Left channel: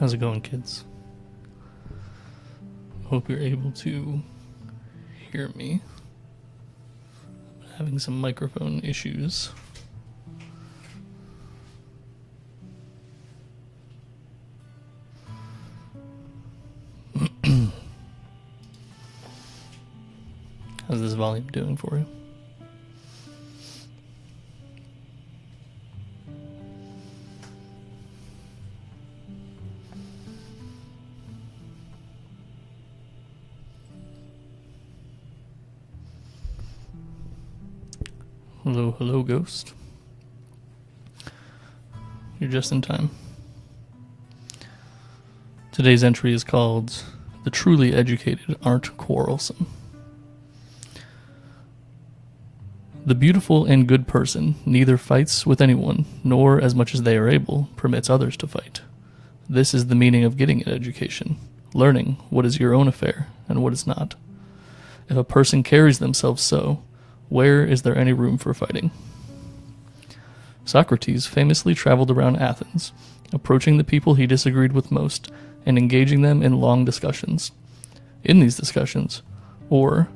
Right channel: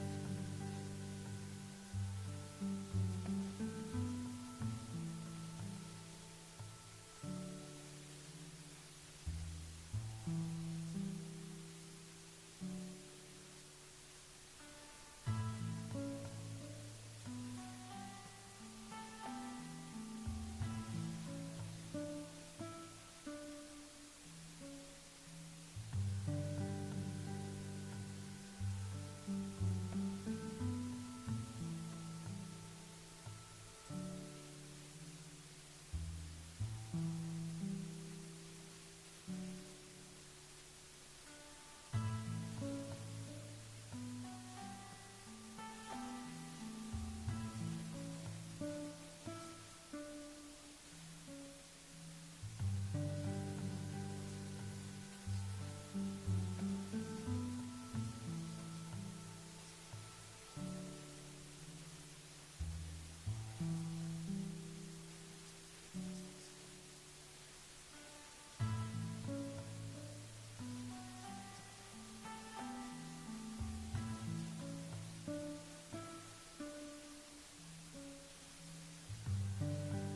How's it going, kids? Hope you're able to hear me. Having some microphone issues. How's this volume doing for you? Hello, hello, ghost. You're just in time. Today's entry is called "The Truly Educated Aren't Quarrelsome." The beautiful and good person neither fights with anyone, nor, as much as they are able, permits others to fight. This is the meaning of getting an education, learning what is your own affair and what is not. If a person carries themselves so, where is there any room for fighting? Socrates famously traveled around Athens, approaching the people he disagreed with most and engaging them in long discussions. In these discussions, or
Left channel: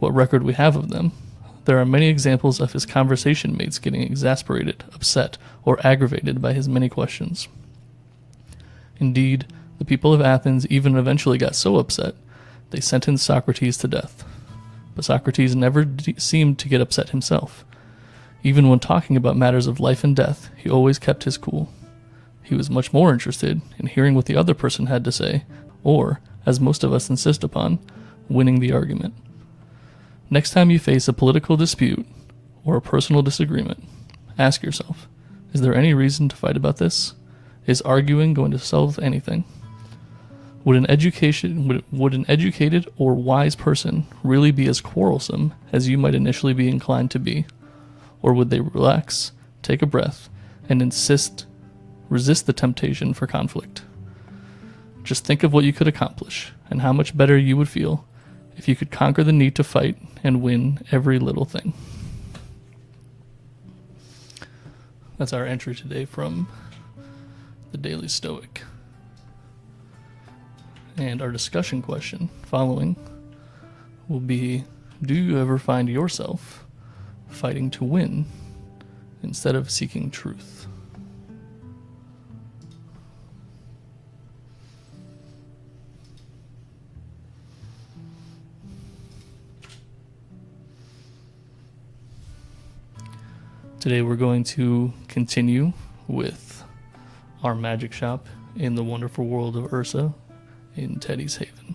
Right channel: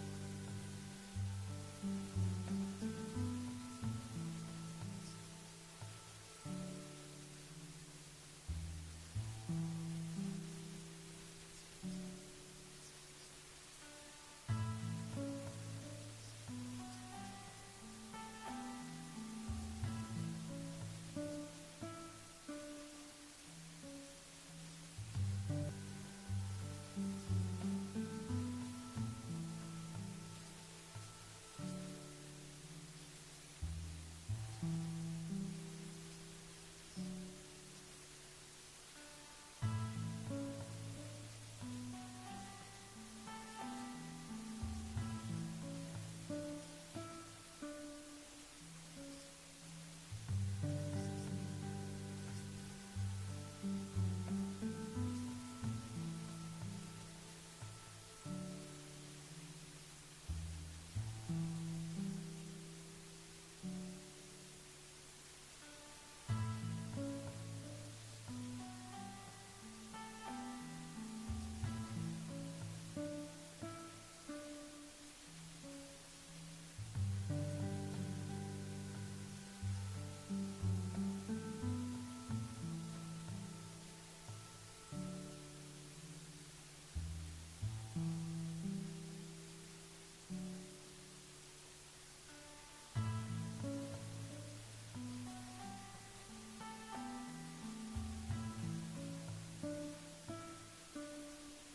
what record we have of them, there are many examples of his conversation mates getting exasperated, upset, or aggravated by his many questions. Indeed, the people of Athens even eventually got so upset, they sentenced Socrates to death. But Socrates never seemed to get upset himself. Even when talking about matters of life and death, he always kept his cool. He was much more interested in hearing what the other person had to say, or, as most of us insist upon, winning the argument. Next time you face a political dispute or a personal disagreement, ask yourself, is there any reason to fight about this? Is arguing going to solve anything? Would an educated or wise person really be as quarrelsome as you might initially be inclined to be? Or would they relax, take a breath, and resist the temptation for conflict? Just think of what you could accomplish and how much better you would feel if you could conquer the need to fight and win every little thing. That's our entry today from the Daily Stoic. And our discussion question following will be, do you ever find yourself fighting to win instead of seeking truth? Today we're going to continue with our magic shop in the wonderful world of Ursa in Teddy's Haven.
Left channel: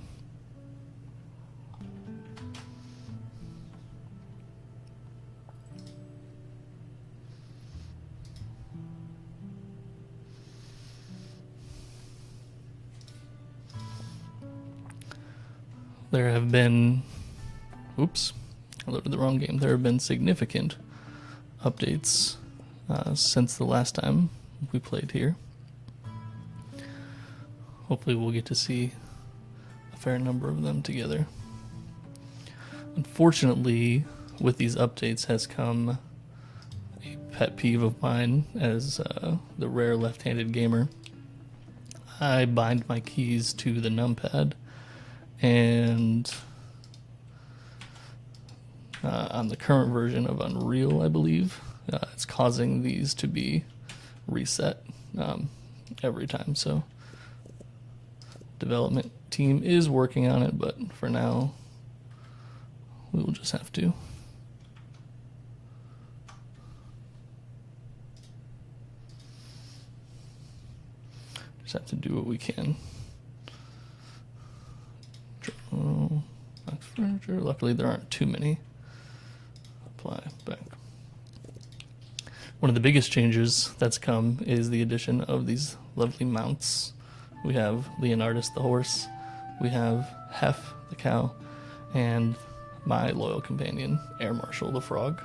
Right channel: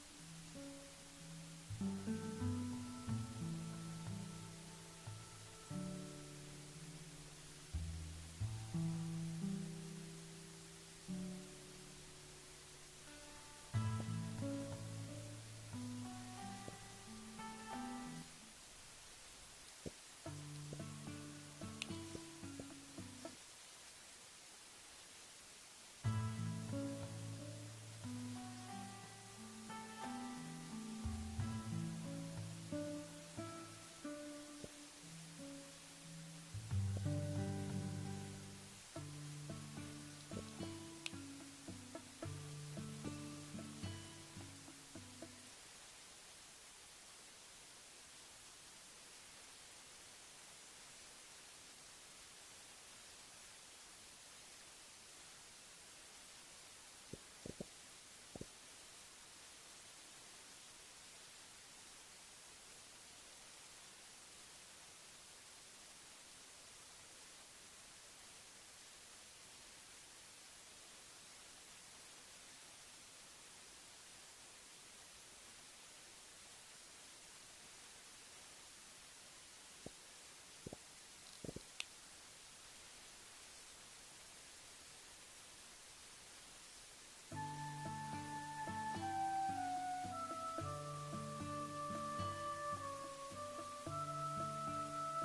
There have been, I loaded the wrong game. There have been significant updates since the last time we played here. Hopefully we'll get to see a fair number of them together. Unfortunately, with these updates has come a pet peeve of mine as the rare left-handed gamer. I bind my keys to the numpad, and on the current version of Unreal, I believe, it's causing these to be reset every time. So development team is working on it, but for now we will just have to do what we can. Furniture. Luckily there aren't too many. Apply back. One of the biggest changes that's come is the addition of these lovely mounts. We have Leonardus the horse, we have Hef the cow, and my loyal companion, Air Marshal the frog.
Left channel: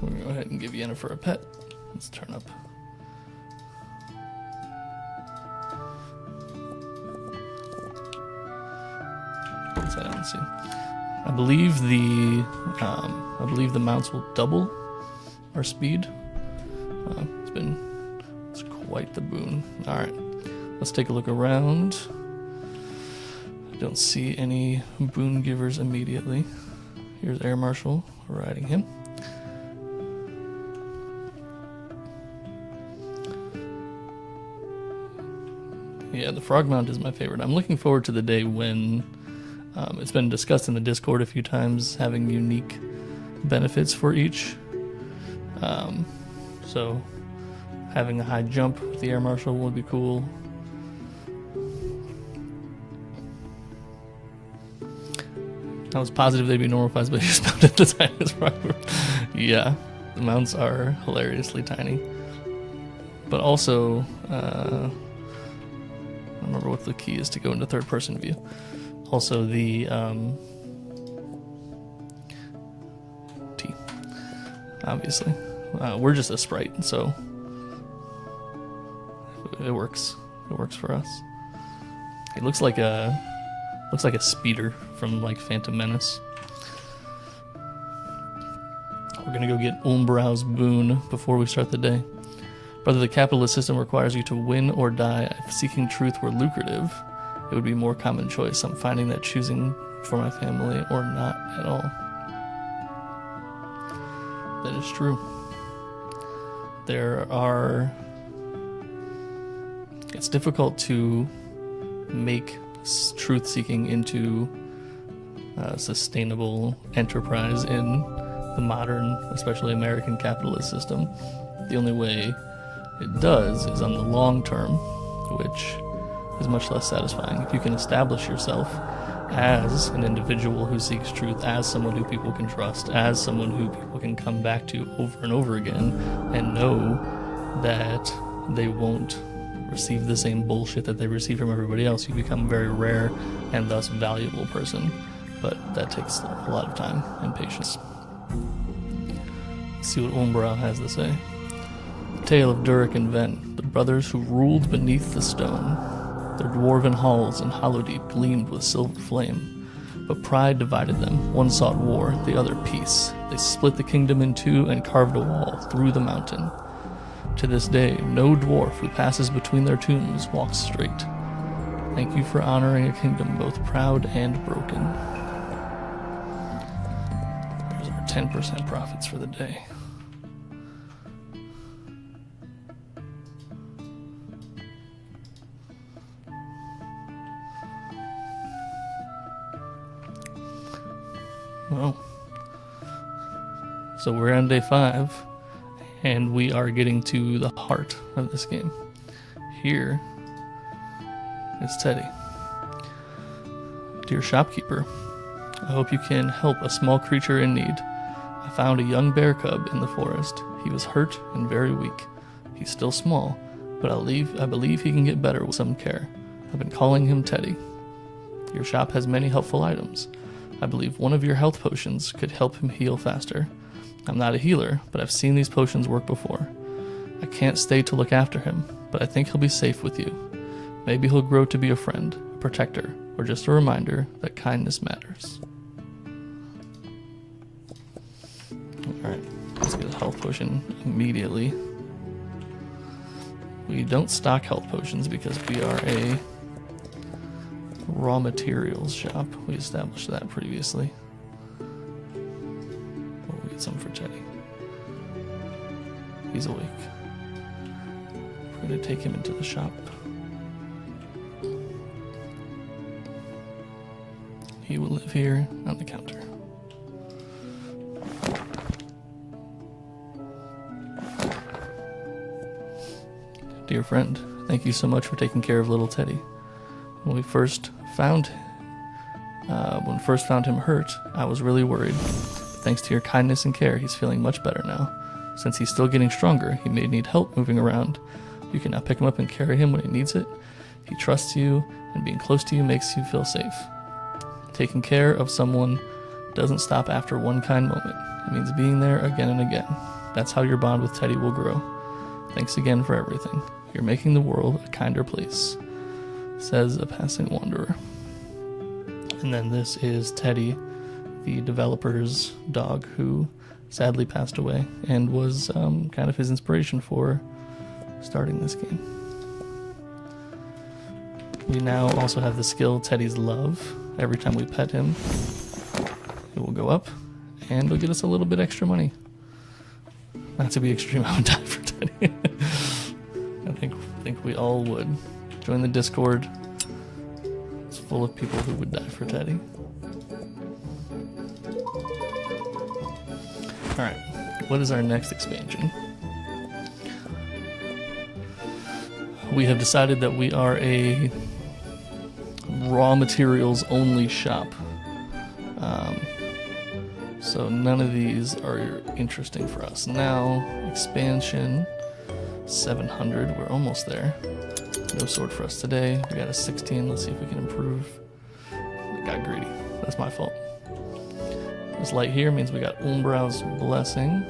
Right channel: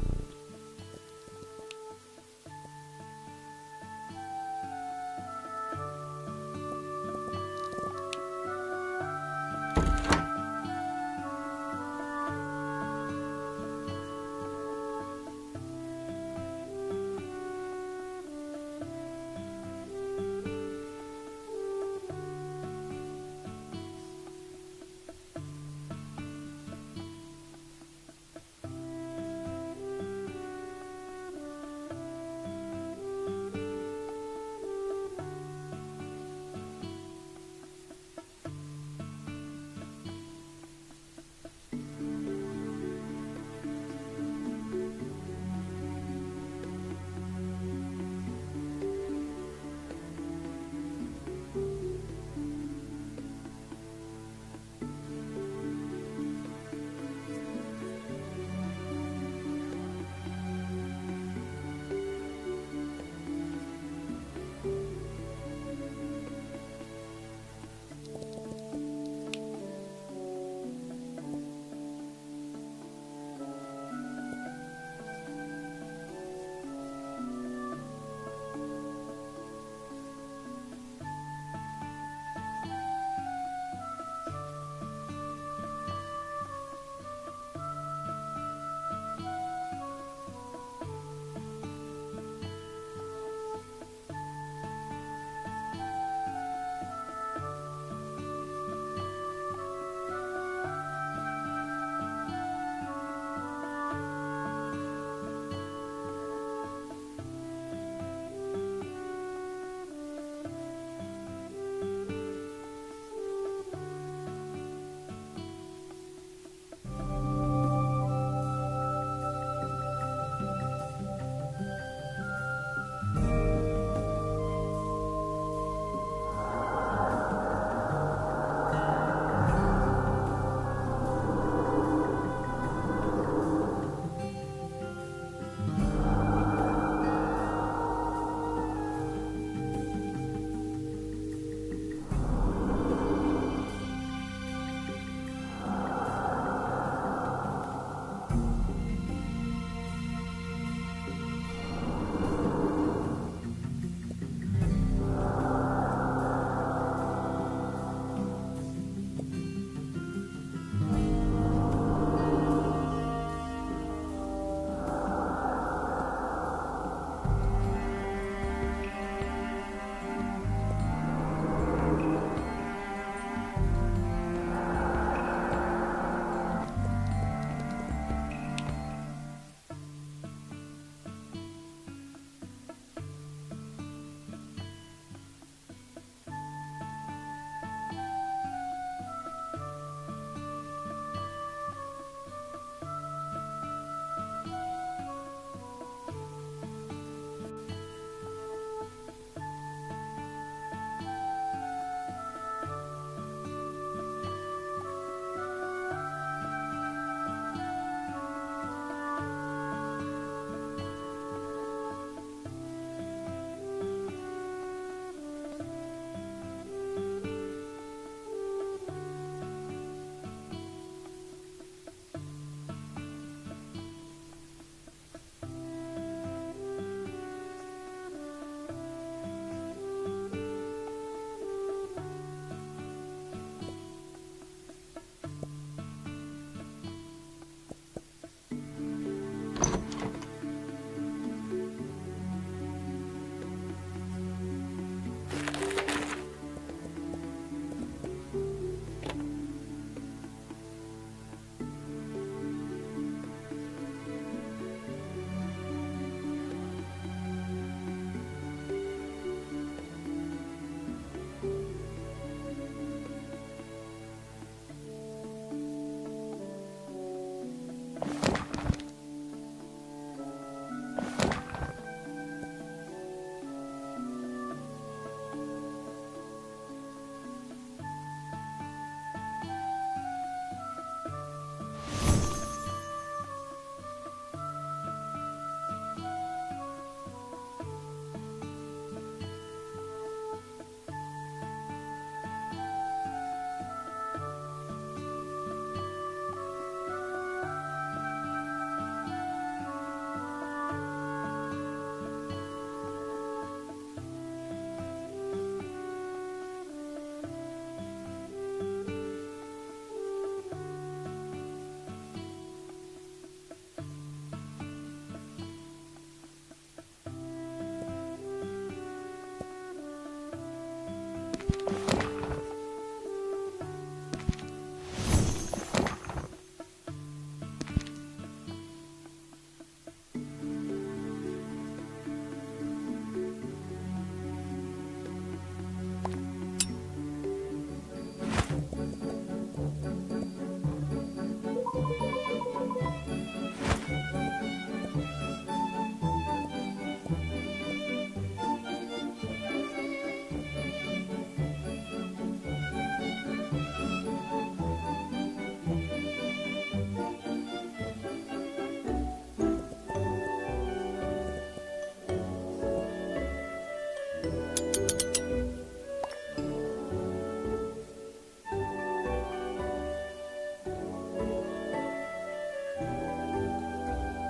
We're going to go ahead and give Yennefer a pet. Let's turn up. Let's see. I believe the mounts will double our speed. It's white the boon. Alright, let's take a look around. I don't see any boon givers immediately. Here's Air Marshal riding him. Yeah, the frog mount is my favorite. I'm looking forward to the day when it's been discussed in the Discord a few times, having unique benefits for each. So having a high jump with the Air Marshal would be cool. I was positive they'd be normal size, but I just found it the tiniest frog. Yeah, the mounts are hilariously tiny. But also, I don't remember what the key is to go into third person view. Also the T, obviously. We're just a sprite, so it works. It works for us. It looks like a speeder from like Phantom Menace. We're gonna go get Umbrau's boon before we start the day. Whether the capitalist system requires you to win or die, if seeking truth were lucrative, it would be a more common choice. I'm finding that choosing for my family or not at all. That is true. It's difficult to make truth-seeking into a sustainable enterprise in the modern, especially American capitalist system. The only way it does is on the long term, which is much less satisfying. If you can establish yourself as an individual who seeks truth, as someone who people can trust, as someone who people can come back to over and over again, and know that they won't receive the same bullshit that they receive from everybody else, you become a very rare and thus valuable person. But that takes a lot of time and patience. Let's see what Umbrau has to say. The tale of Durik and Ven, the brothers who ruled beneath the stone. Their dwarven halls in Hollowdeep gleamed with silver flame. But pride divided them. One sought war, the other peace. They split the kingdom in two and carved a wall through the mountain. To this day, no dwarf who passes between their tombs walks straight. Thank you for honoring a kingdom both proud and broken. There's our 10% profits for the day. Well, so we're on day 5. And we are getting to the heart of this game. Here is Teddy. Dear shopkeeper, I hope you can help a small creature in need. I found a young bear cub in the forest. He was hurt and very weak. He's still small, but I believe he can get better with some care. I've been calling him Teddy. Your shop has many helpful items. I believe one of your health potions could help him heal faster. I'm not a healer, but I've seen these potions work before. I can't stay to look after him, but I think he'll be safe with you. Maybe he'll grow to be a friend, protector, or just a reminder that kindness matters. Alright, let's get a health potion immediately. We don't stock health potions because we are a raw materials shop. We established that previously. Some for Teddy. He's awake. We're going to take him into the shop. He will live here on the counter. Dear friend, thank you so much for taking care of little Teddy. When we first found him hurt, I was really worried. Thanks to your kindness and care, he's feeling much better now. Since he's still getting stronger, he may need help moving around. You can now pick him up and carry him when he needs it. He trusts you, and being close to you makes you feel safe. Taking care of someone doesn't stop after one kind moment. It means being there again and again. That's how your bond with Teddy will grow. Thanks again for everything. You're making the world a kinder place, says a passing wanderer. And then this is Teddy, the developer's dog, who sadly passed away and was kind of his inspiration for starting this game. We now also have the skill Teddy's Love. Every time we pet him, it will go up, and it'll get us a little bit extra money. Not to be extreme, I would die for Teddy. I think we all would. Join the Discord. It's full of people who would die for Teddy. Alright, what is our next expansion? We have decided that we are a raw materials only shop. So none of these are interesting for us. Now, expansion 700, we're almost there. No sword for us today. We got a 16, let's see if we can improve. Got greedy, that's my fault. This light here means we got Umbrau's Blessing.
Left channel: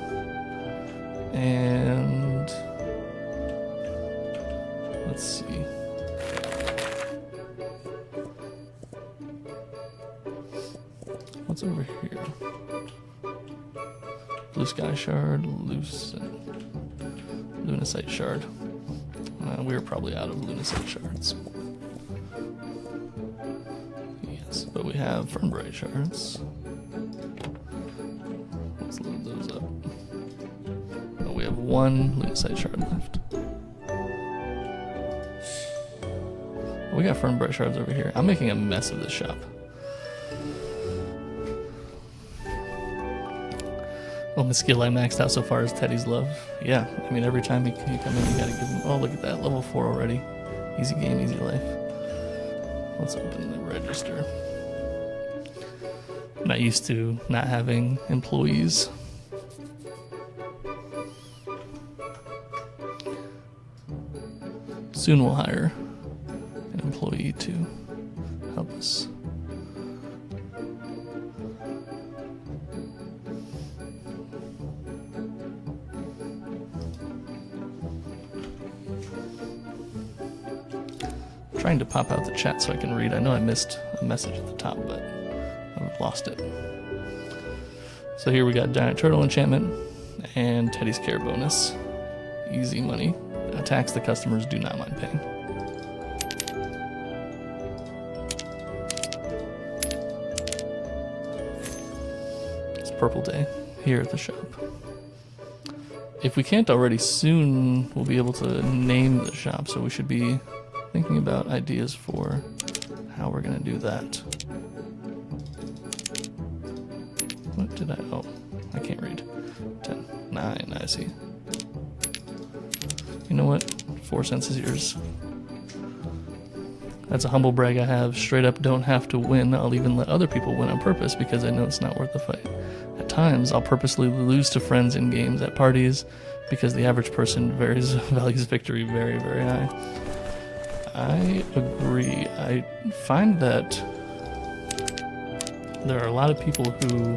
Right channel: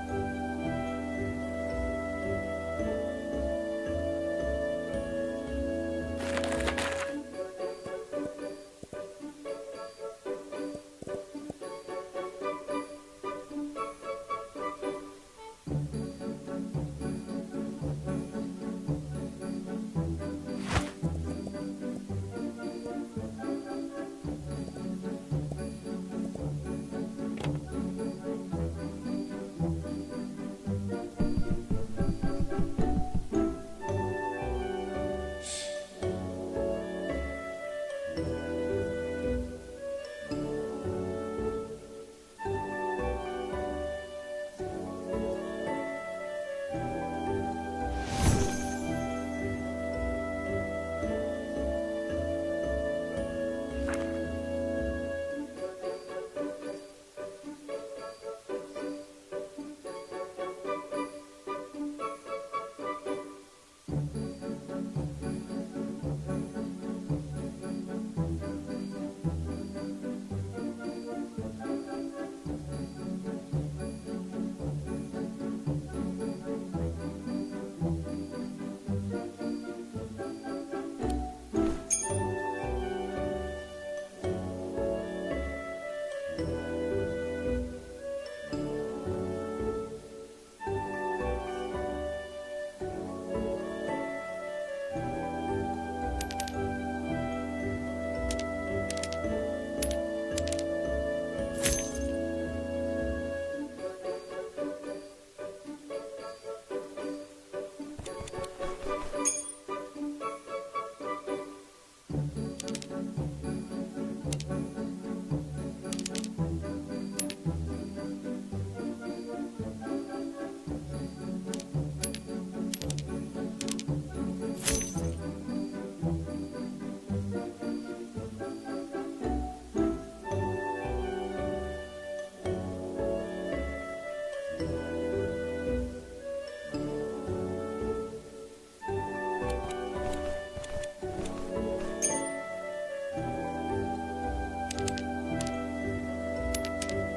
And let's see. What's over here? Blue Sky Shard, Lunacite Shard. We're probably out of Lunacite Shards. Yes, but we have Fernbright Shards. Let's load those up. Oh, we have one Lunacite Shard left. We got Fernbright Shards over here. I'm making a mess of this shop. Well, the skill I maxed out so far is Teddy's Love. Yeah, I mean, every time you come in, you gotta give him. Oh, look at that, level 4 already. Easy game, easy life. Let's open the register. I'm not used to not having employees. Soon we'll hire an employee to help us. Trying to pop out the chat so I can read. I know I missed a message at the top, but I've lost it. So here we got Giant Turtle Enchantment and Teddy's Care bonus. Easy money. Attacks the customers do not mind paying. It's Purple Day here at the shop. If we can't already, soon we'll be able to name the shop, so we should be thinking about ideas for how we're going to do that. What did I... Oh, I can't read. 10, 9, I see. You know what? 4 cents is yours. That's a humble brag I have. Straight up don't have to win. I'll even let other people win on purpose because I know it's not worth the fight. At times, I'll purposely lose to friends in games at parties because the average person values victory very, very high. I agree. I find that there are a lot of people who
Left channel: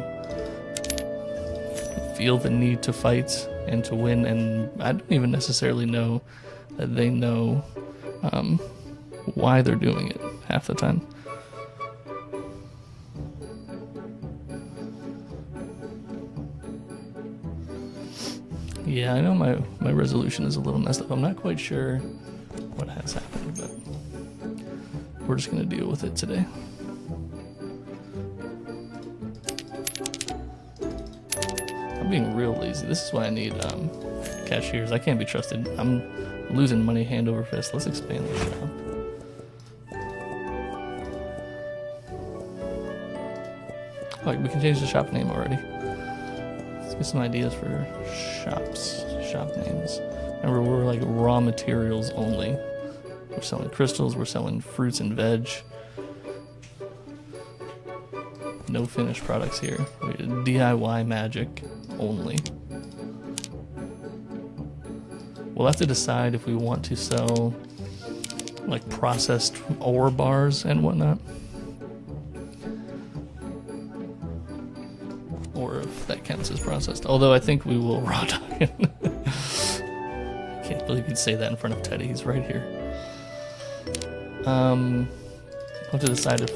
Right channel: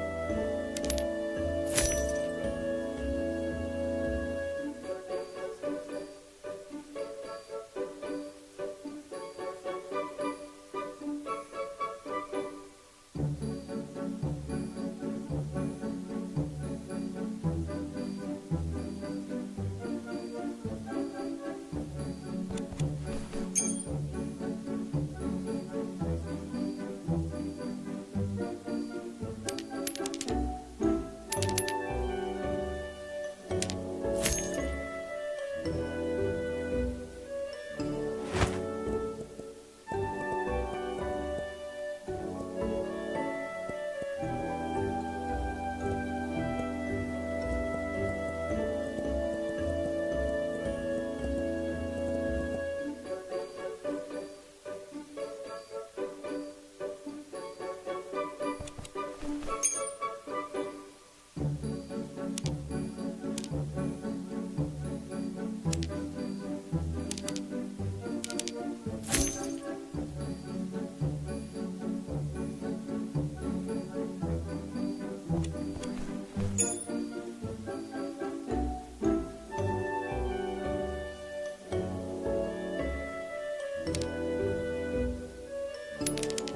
feel the need to fight and to win, and I don't even necessarily know that they know why they're doing it half the time. Yeah, I know my resolution is a little messed up. I'm not quite sure what has happened, but we're just going to deal with it today. I'm being real lazy. This is why I need cashiers. I can't be trusted. I'm losing money hand over fist. Let's expand this now. Like, we can change the shop name already. Let's get some ideas for shop names. Remember, we're like raw materials only. We're selling crystals, we're selling fruits and veg. No finished products here. We did DIY magic only. We'll have to decide if we want to sell like processed ore bars and whatnot. Or if that counts as processed. Although I think we will raw dog it. Can't believe you'd say that in front of Teddy. He's right here. I'll have to decide if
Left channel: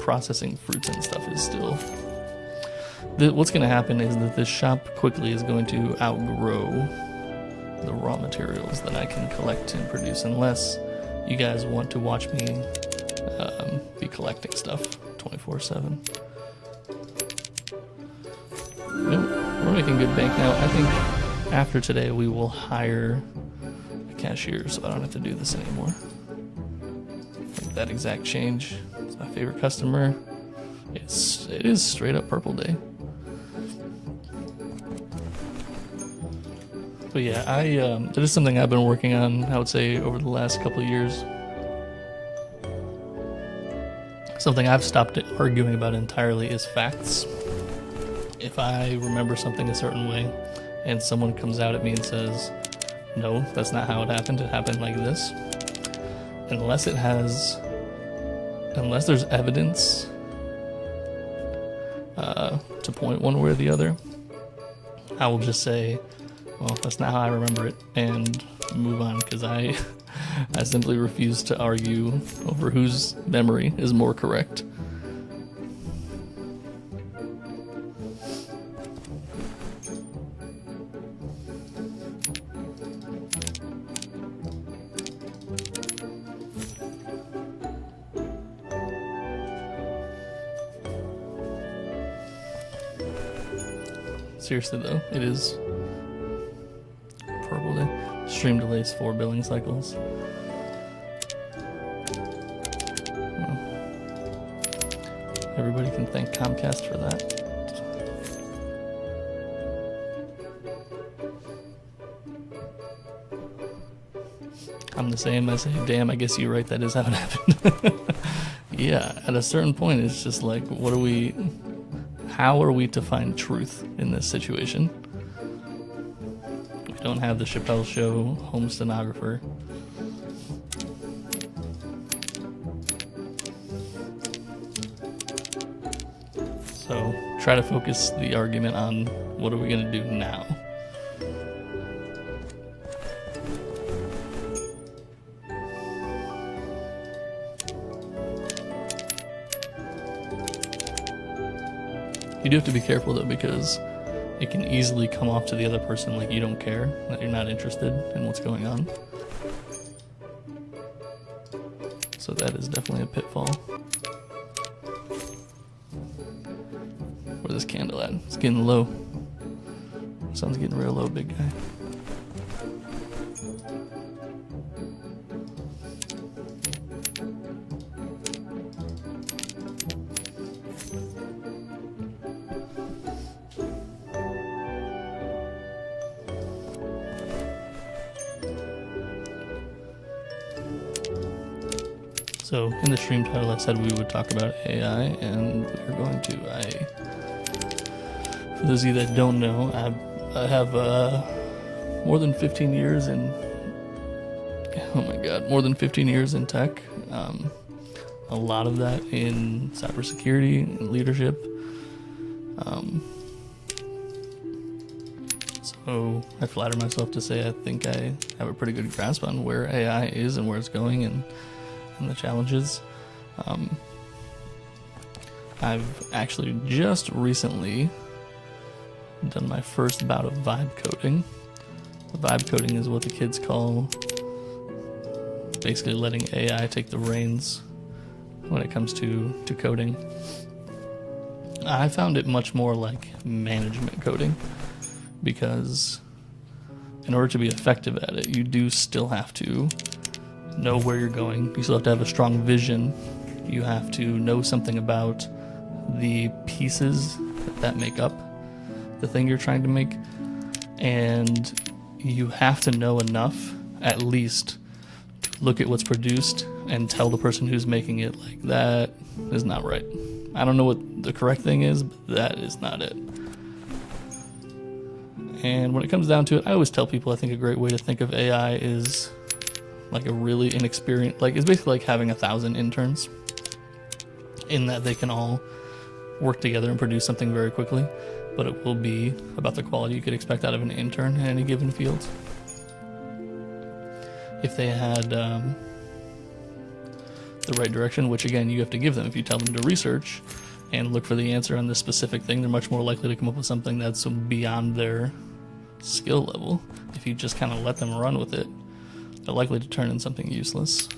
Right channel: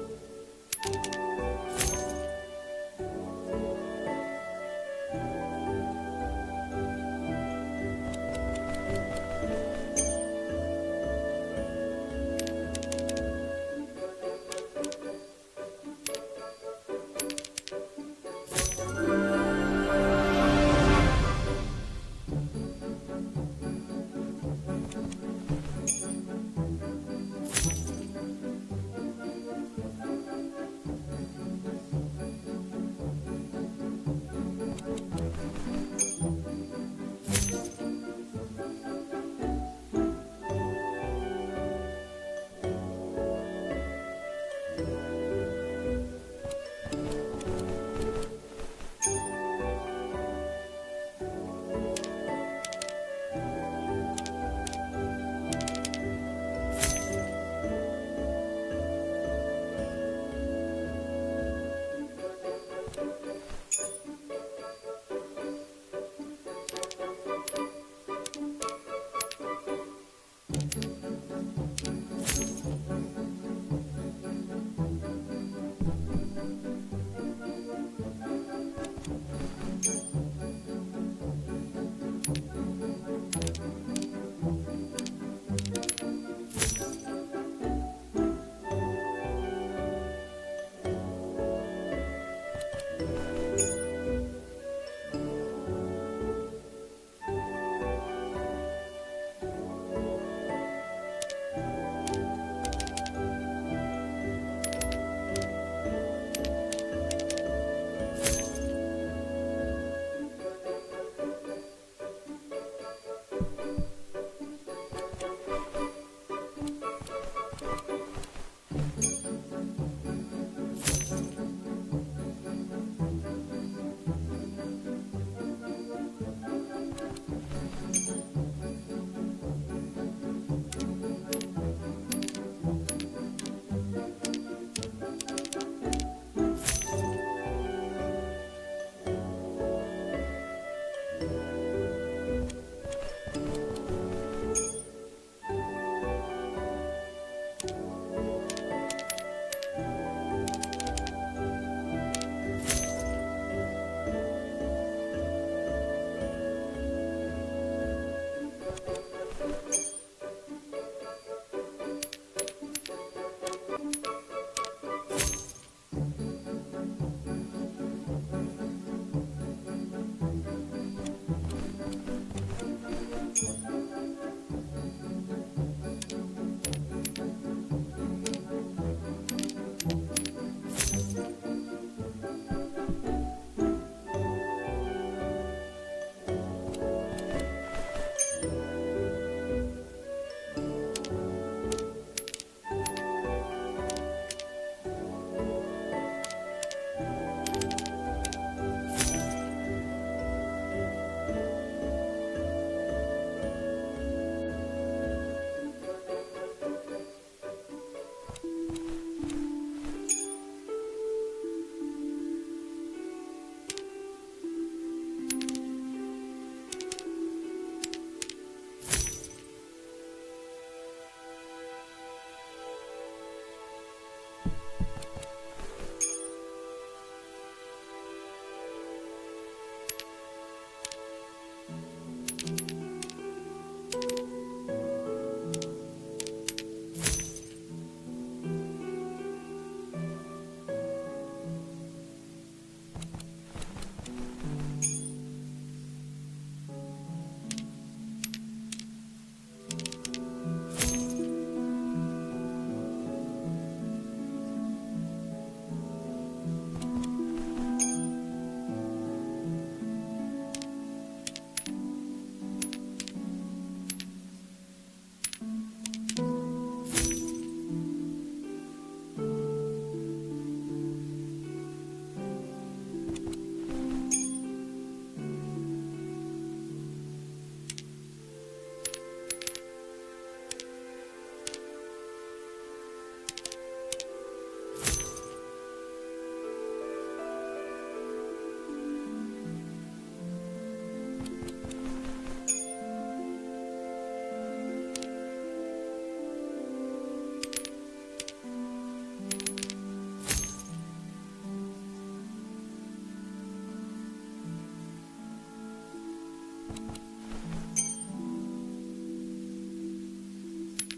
processing fruits and stuff is still... What's going to happen is that this shop quickly is going to outgrow the raw materials that I can collect and produce, unless you guys want to watch me be collecting stuff 24/7. We're making good bank now. I think after today we will hire a cashier, so I don't have to do this anymore. That exact change. It's my favorite customer. It is straight up Purple Day. But yeah, that is something I've been working on, I would say, over the last couple of years. Something I've stopped arguing about entirely is facts. If I remember something a certain way and someone comes out at me and says, no, that's not how it happened like this, unless there's evidence to point one way or the other, I will just say, well, that's not how I remember it, and move on, because I simply refuse to argue over whose memory is more correct. Seriously though, it is Purple Day. Stream delays 4 billing cycles. Everybody can thank Comcast for that. I'm the same. I say, damn, I guess you're right, that is how it happened. Yeah, at a certain point, it's just like, how are we to find truth in this situation? We don't have the Chappelle Show home stenographer. So try to focus the argument on what are we going to do now. You do have to be careful though, because it can easily come off to the other person like you don't care, that you're not interested in what's going on. So that is definitely a pitfall. Where's this candle at? It's getting low. Sun's getting real low, big guy. So in the stream title I said we would talk about AI, and we're going to. For those of you that don't know, I have more than 15 years in, more than 15 years in tech. A lot of that in cybersecurity and leadership. So I flatter myself to say I think I have a pretty good grasp on where AI is and where it's going and the challenges. I've actually just recently done my first bout of vibe coding. Vibe coding is what the kids call basically letting AI take the reins when it comes to coding. I found it much more like management coding, because in order to be effective at it, you do still have to know where you're going. You still have to have a strong vision. You have to know something about the pieces that make up the thing you're trying to make, and you have to know enough, at least, to look at what's produced and tell the person who's making it, like, that is not right. I don't know what the correct thing is, but that is not it. And when it comes down to it, I always tell people I think a great way to think of AI is like a really inexperienced, like it's basically like having 1,000 interns, in that they can all work together and produce something very quickly, but it will be about the quality you could expect out of an intern in any given field. If they had the right direction, which again you have to give them. If you tell them to research and look for the answer on this specific thing, they're much more likely to come up with something that's beyond their skill level, if you just kind of let them run with it, they're likely to turn in something useless.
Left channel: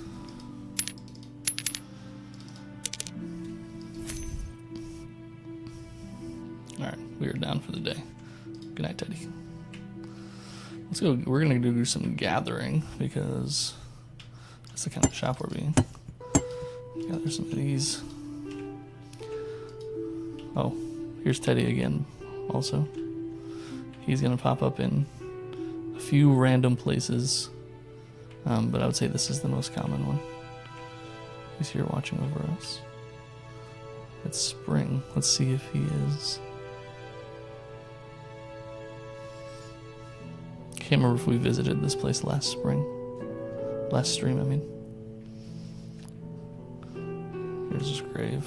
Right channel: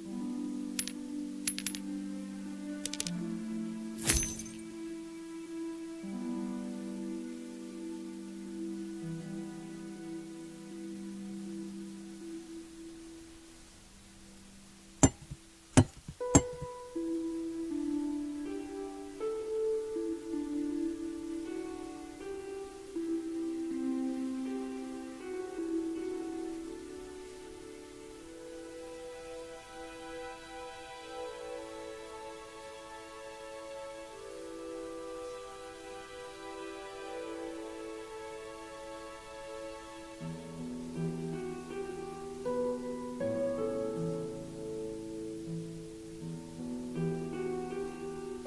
Alright, we are down for the day. Good night, Teddy. Let's go. We're gonna do some gathering because that's the kind of shop we're being. Gather some of these. Oh, here's Teddy again, also. He's gonna pop up in a few random places, but I would say this is the most common one. He's here watching over us. It's spring. Let's see if he is. Can't remember if we visited this place last stream, I mean. Here's his grave.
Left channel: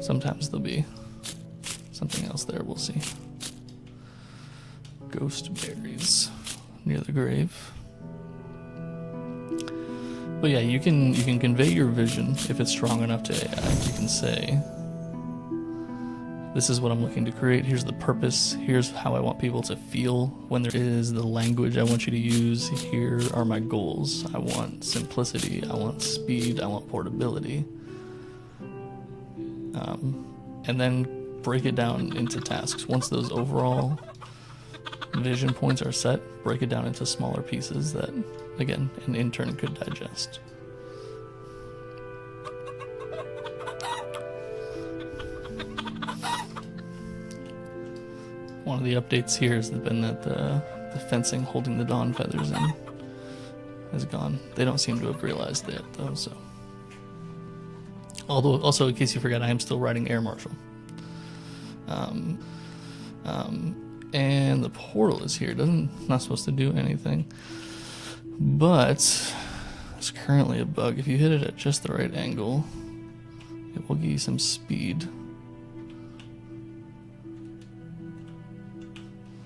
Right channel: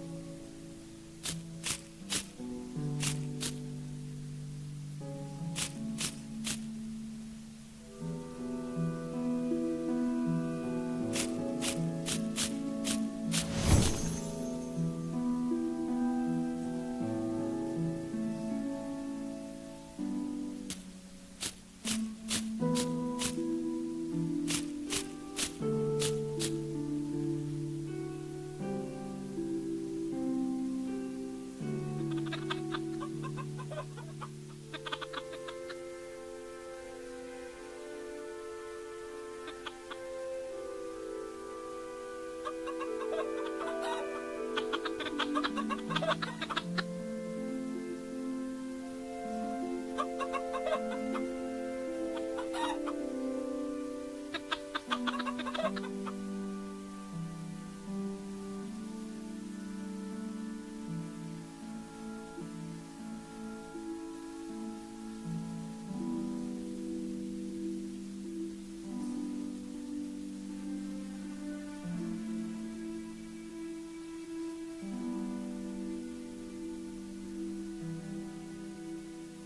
Sometimes there'll be something else there, we'll see. Ghost berries near the grave. But yeah, you can convey your vision if it's strong enough to AI. You can say, this is what I'm looking to create, here's the purpose, here's how I want people to feel when there is the language I want you to use, here are my goals. I want simplicity, I want speed, I want portability. And then break it down into tasks. Once those overall vision points are set, break it down into smaller pieces that, again, an intern could digest. One of the updates here has been that the fencing holding the dawn feathers in is gone. They don't seem to have realized it though, so. Although, also, in case you forgot, I am still riding Air Marshal. And the portal is here. Not supposed to do anything. But there's currently a bug. If you hit it at just the right angle, it will give you some speed.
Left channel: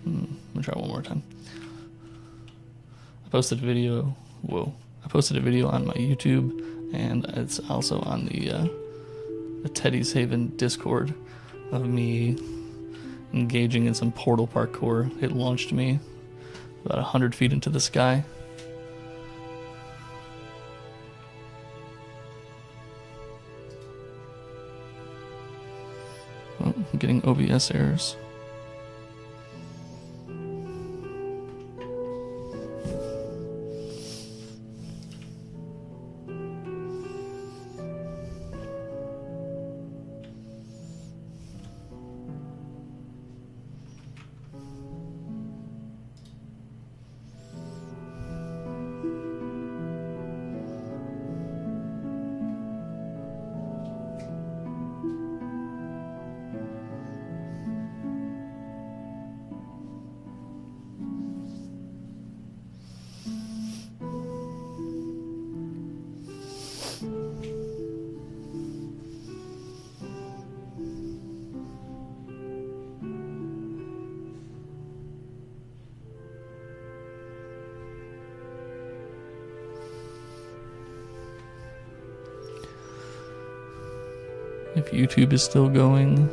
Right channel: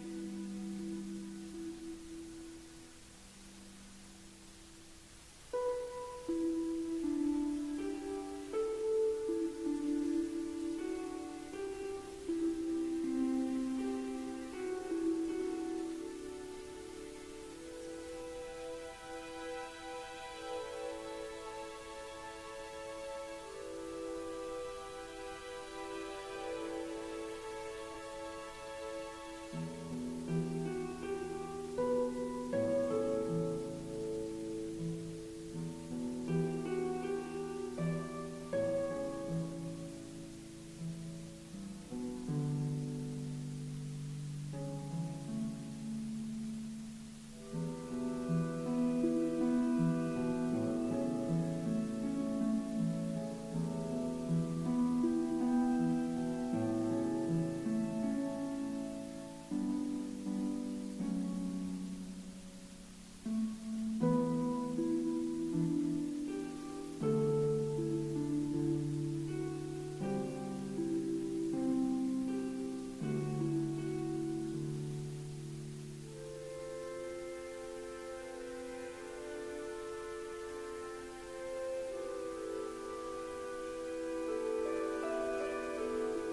I'm gonna try one more time. I posted a video on my YouTube, and it's also on the Teddy's Haven Discord of me engaging in some portal parkour. It launched me about 100 feet into the sky. Oh, I'm getting OBS errors. If YouTube is still going,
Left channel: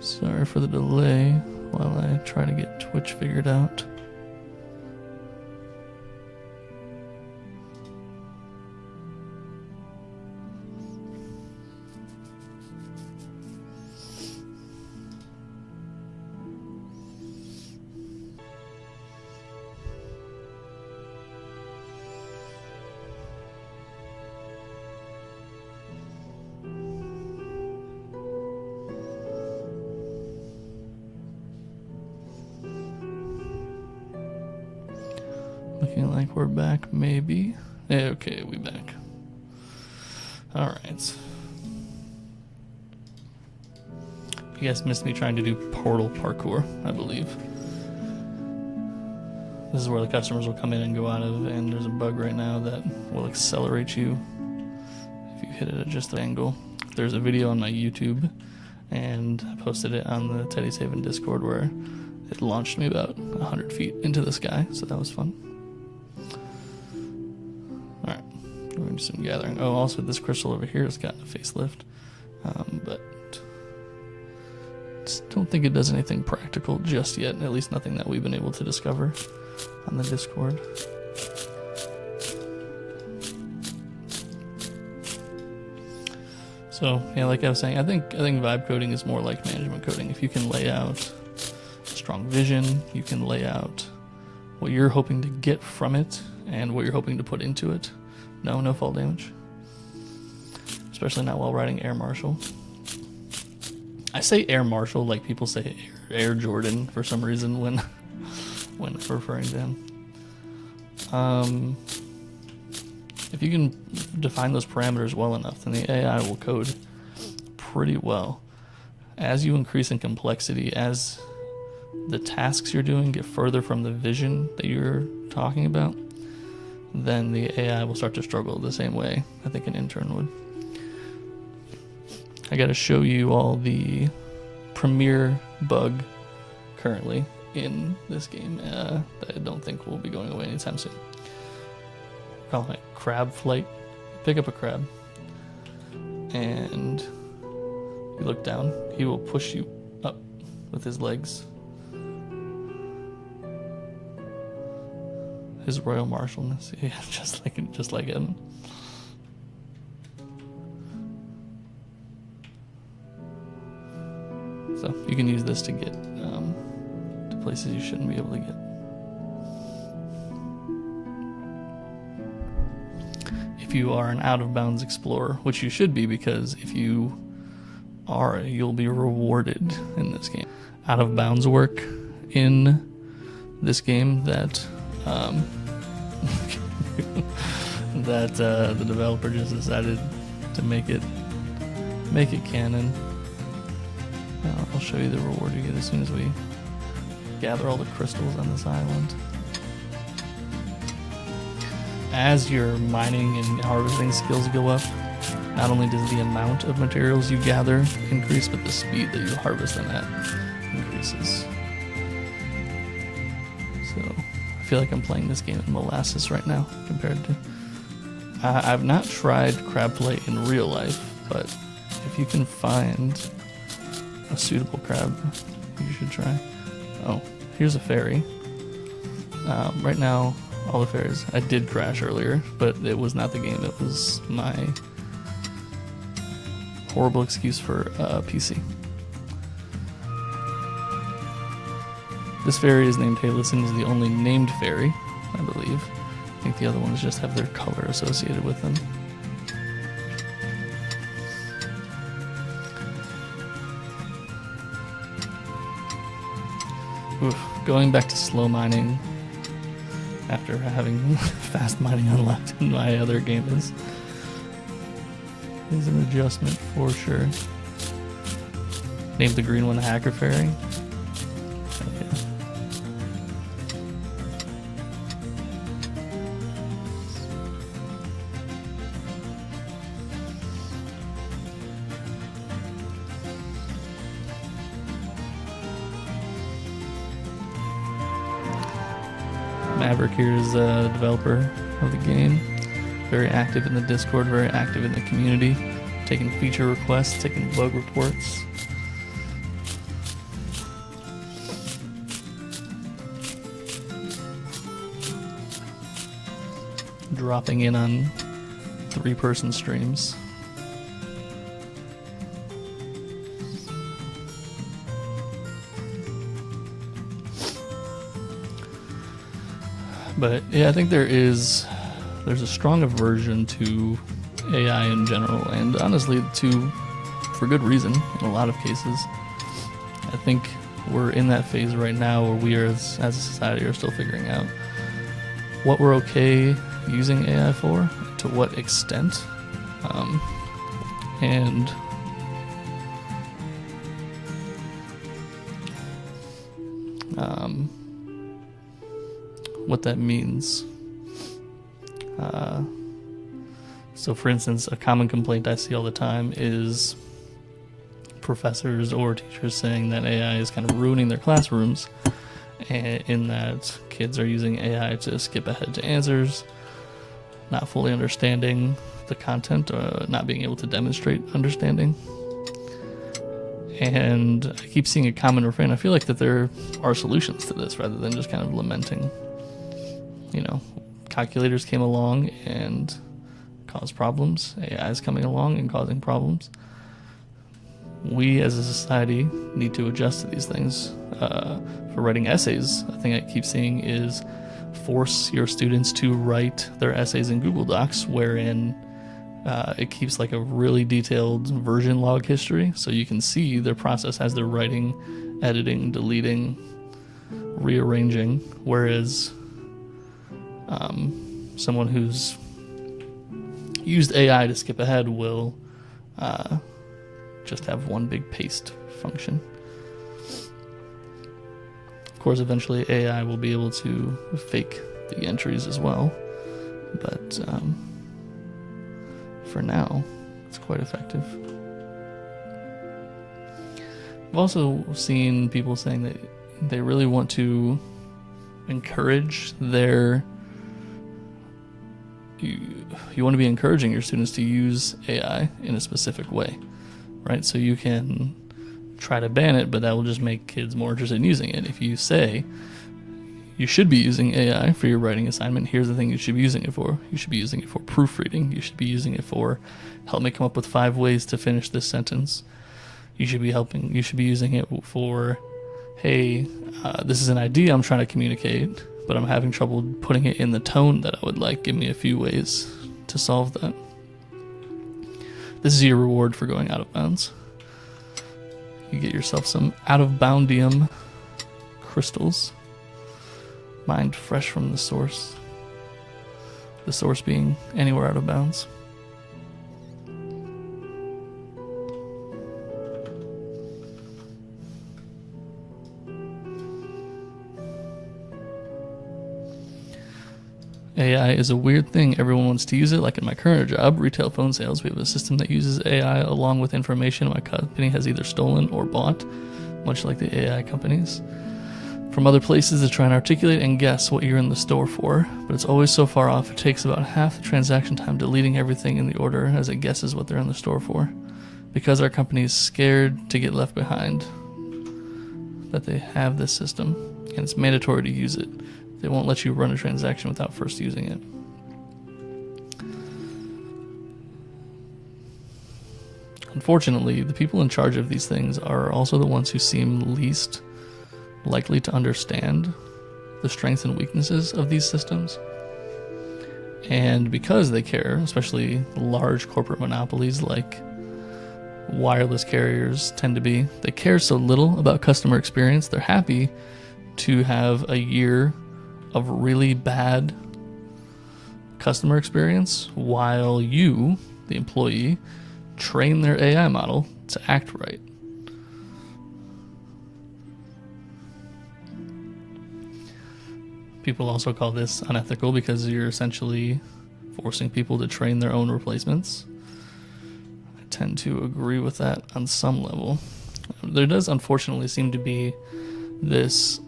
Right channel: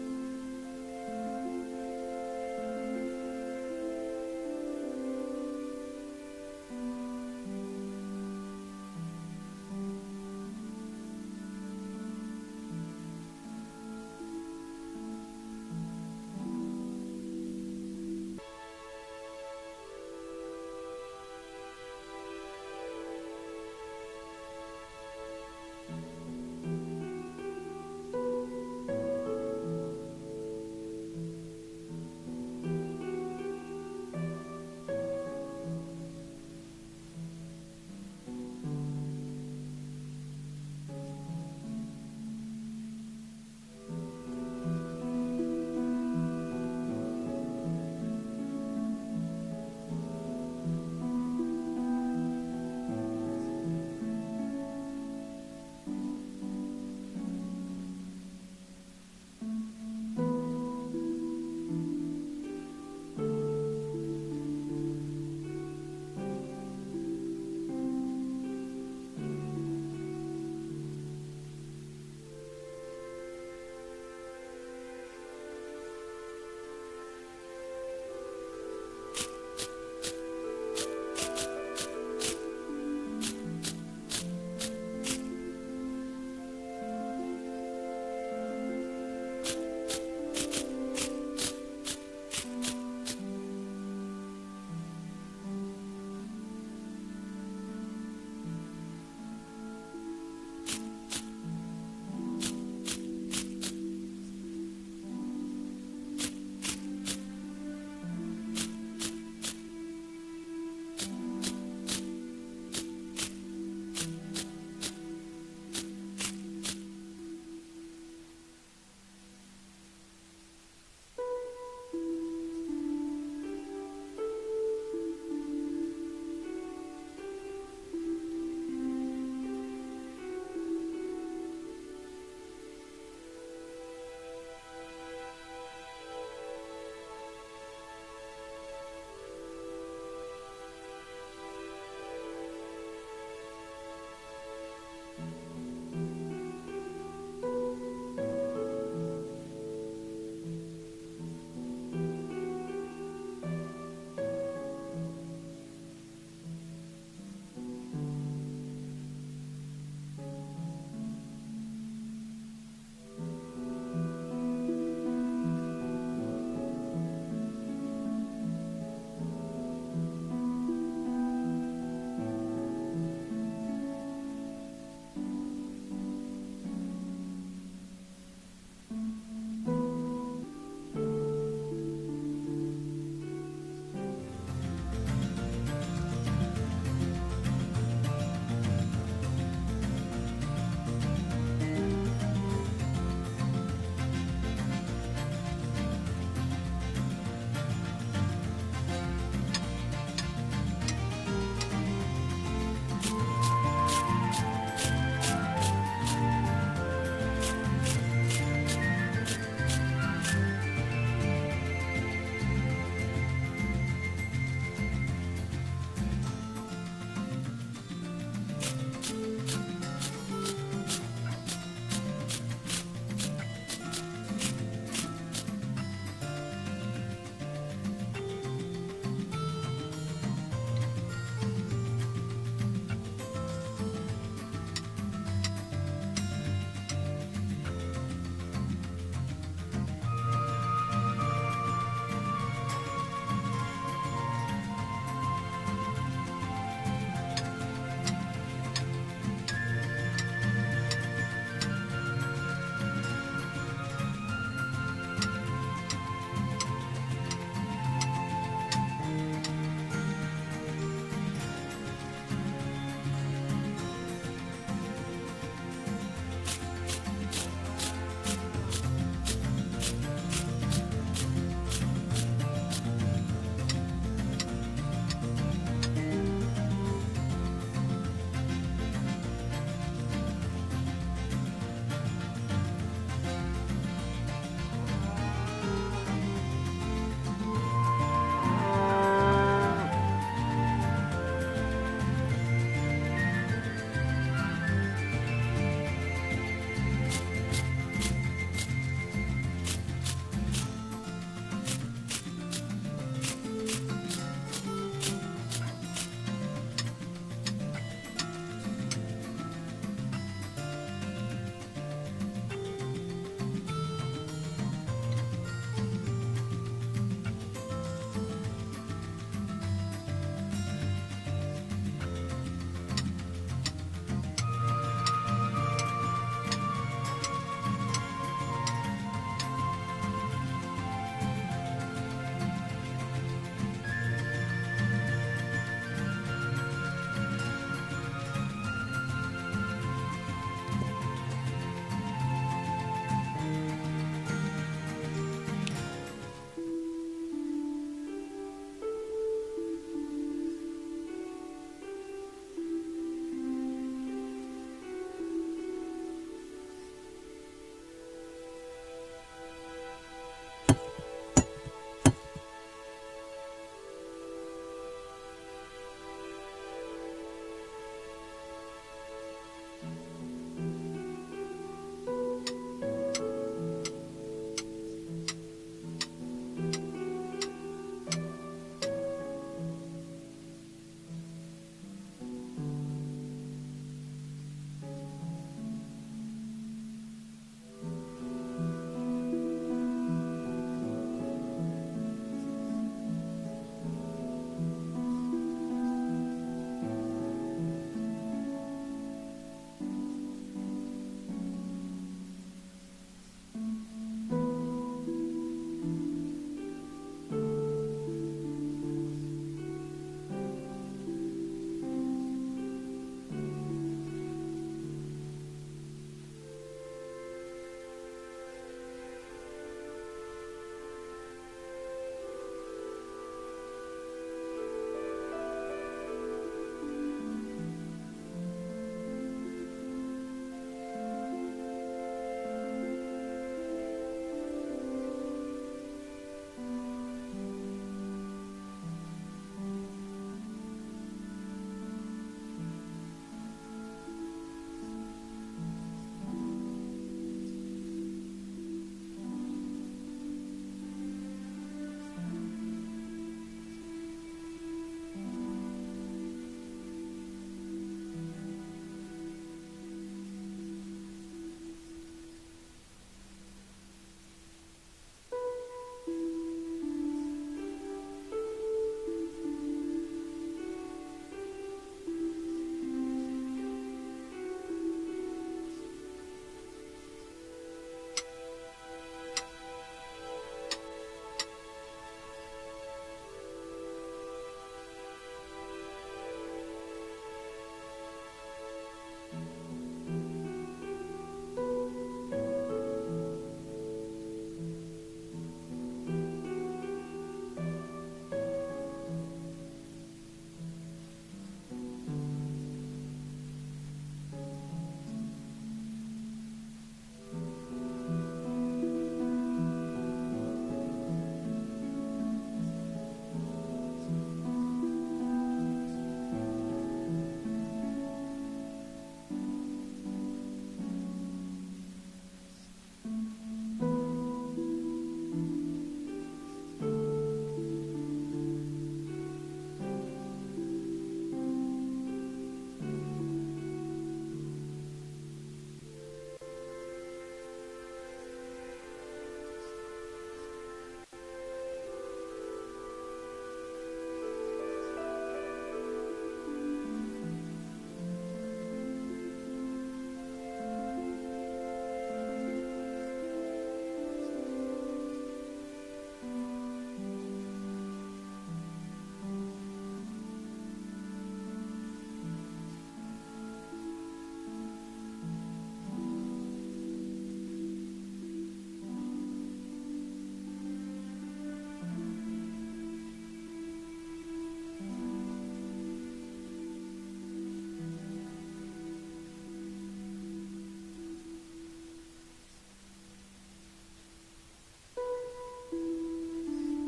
sorry for the delay while I try to get Twitch figured out. Looking like we're back, maybe. Okay, we back. Alright. You guys missed me trying to do portal parkour, I believe. This is where the customers will come in and go out of, and there's a bug right now that will accelerate you if you hit it at just the angle. There's a video on my YouTube, and I posted it on the Teddy's Haven Discord where it launched me about 100 feet into the sky, so that was fun. Alright, we're going to do some gathering. Oh, also this crystal over here has gotten a facelift, but don't think it does anything practical just yet, at least nothing that we've been able to discover on the Discord. So, yeah, like I was saying, I think vibe coding is more like management coding. If you can lay out strong vision, you can lay out what you're hoping to get from it and what you're hoping to put into it. No fall damage. Especially not while riding Air Marshal. I say Air Marshal like people say Air Jordan for some reason when referring to him. If you can define those parameters well enough, then the AI will code pretty well. As you increase in complexity, as the tasks you're doing get further from the vision that you're talking about, then the AI will start to struggle the same way I think an intern would. I gotta show you all the premier bug currently in this game that I don't think will be going away anytime soon. Call it crab flight. Pick up a crab and you look down. He will push you up with his legs. His royal marshalness, yeah, just like him. So you can use this to get to places you shouldn't be able to get. If you are an out-of-bounds explorer, which you should be, because if you are, you'll be rewarded in this game. Out-of-bounds work in this game that the developer just decided to make it canon. I'll show you the reward you get as soon as we gather all the crystals on this island. As your mining and harvesting skills go up, not only does the amount of materials you gather increase, but the speed that you harvest them at increases. So I feel like I'm playing this game in molasses right now compared to... I've not tried crab flight in real life, but if you can find a suitable crab, you should try. Oh, here's a ferry. Right now, all the ferries. I did crash earlier, but it was not the game. It was my horrible excuse for PC. This ferry is named Halison, is the only named ferry, I believe. I think the other ones just have their color associated with them. Oof. Going back to slow mining after having fast mining unlocked in my other game is an adjustment for sure. Name the green one Hacker Ferry. Okay. Maverick here is a developer of the game. Very active in the Discord, very active in the community, taking feature requests, taking bug reports. Dropping in on 3-person streams. But yeah, I think there's a strong aversion to AI in general, and honestly, for good reason in a lot of cases. I think we're in that phase right now where we are, as a society, are still figuring out what we're okay using AI for, to what extent, and what that means. So for instance, a common complaint I see all the time is professors or teachers saying that AI is kind of ruining their classrooms, in that kids are using AI to skip ahead to answers, not fully understanding the content, or not being able to demonstrate understanding. And I keep seeing a common refrain. I feel like that there are solutions to this rather than just kind of lamenting. Calculators came along and caused problems. AI is coming along and causing problems. We as a society need to adjust to these things. For writing essays, a thing I keep seeing is force your students to write their essays in Google Docs, wherein it keeps like a really detailed version log history, so you can see their process as they're writing, editing, deleting, rearranging, whereas someone who's used AI to skip ahead will just have one big paste function. Of course, eventually AI will be able to fake the entries as well, but for now, it's quite effective. I've also seen people saying that they really want to encourage you want to be encouraging your students to use AI in a specific way, right? So you can try to ban it, but that will just make kids more interested in using it. If you say you should be using AI for your writing assignment, here's the thing you should be using it for. You should be using it for proofreading. You should be using it for help me come up with 5 ways to finish this sentence. You should be using it for, hey, this is an idea I'm trying to communicate, but I'm having trouble putting it in the tone that I would like. Give me a few ways to solve that. This is your reward for going out of bounds. You get yourself some out-of-boundium crystals, mined fresh from the source being anywhere out of bounds. AI is a weird thing. Everyone wants to use it. Like in my current job, retail phone sales, we have a system that uses AI along with information my company has either stolen or bought, much like the AI companies, from other places to try and articulate and guess what you're in the store for. But it's always so far off, it takes about half the transaction time deleting everything in the order as it guesses what they're in the store for. Because our company is scared to get left behind, that they have this system, and it's mandatory to use it. They won't let you run a transaction without first using it. Unfortunately, the people in charge of these things are also the ones who seem least likely to understand the strengths and weaknesses of these systems. And because they care, especially large corporate monopolies like wireless carriers tend to be, they care so little about customer experience, they're happy to have a year of really bad customer experience while you, the employee, train their AI model to act right. People also call this unethical because you're essentially forcing people to train their own replacements. I tend to agree with that on some level. There does unfortunately seem to be this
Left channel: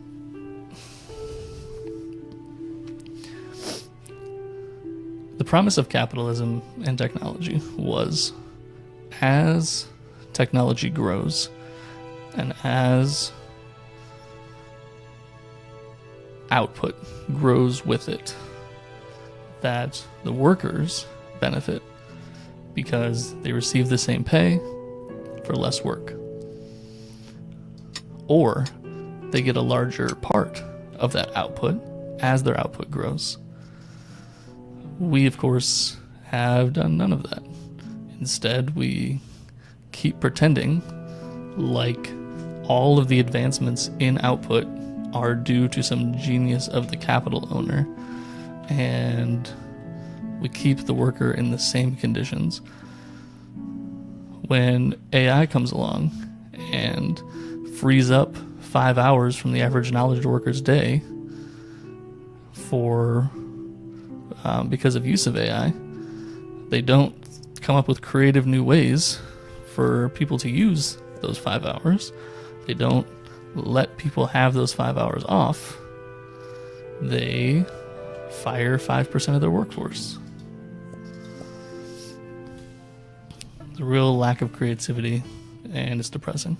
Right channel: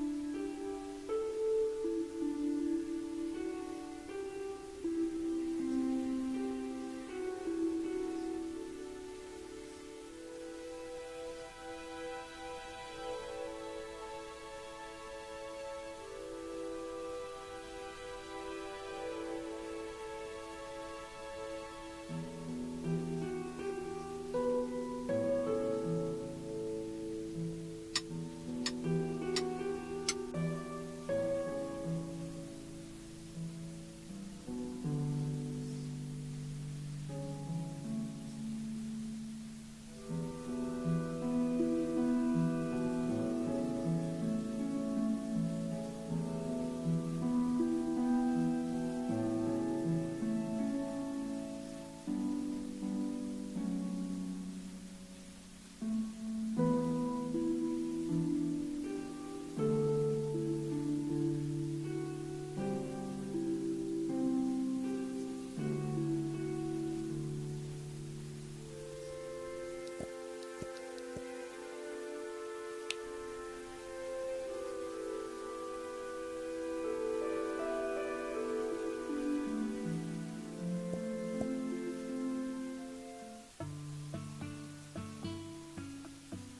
the promise of capitalism and technology was, as technology grows and as output grows with it, that the workers benefit because they receive the same pay for less work, or they get a larger part of that output as their output grows. We, of course, have done none of that. Instead, we keep pretending like all of the advancements in output are due to some genius of the capital owner, and we keep the worker in the same conditions. When AI comes along and frees up 5 hours from the average knowledge worker's day because of use of AI, they don't come up with creative new ways for people to use those 5 hours. They don't let people have those 5 hours off. They fire 5% of their workforce. It's a real lack of creativity, and it's depressing.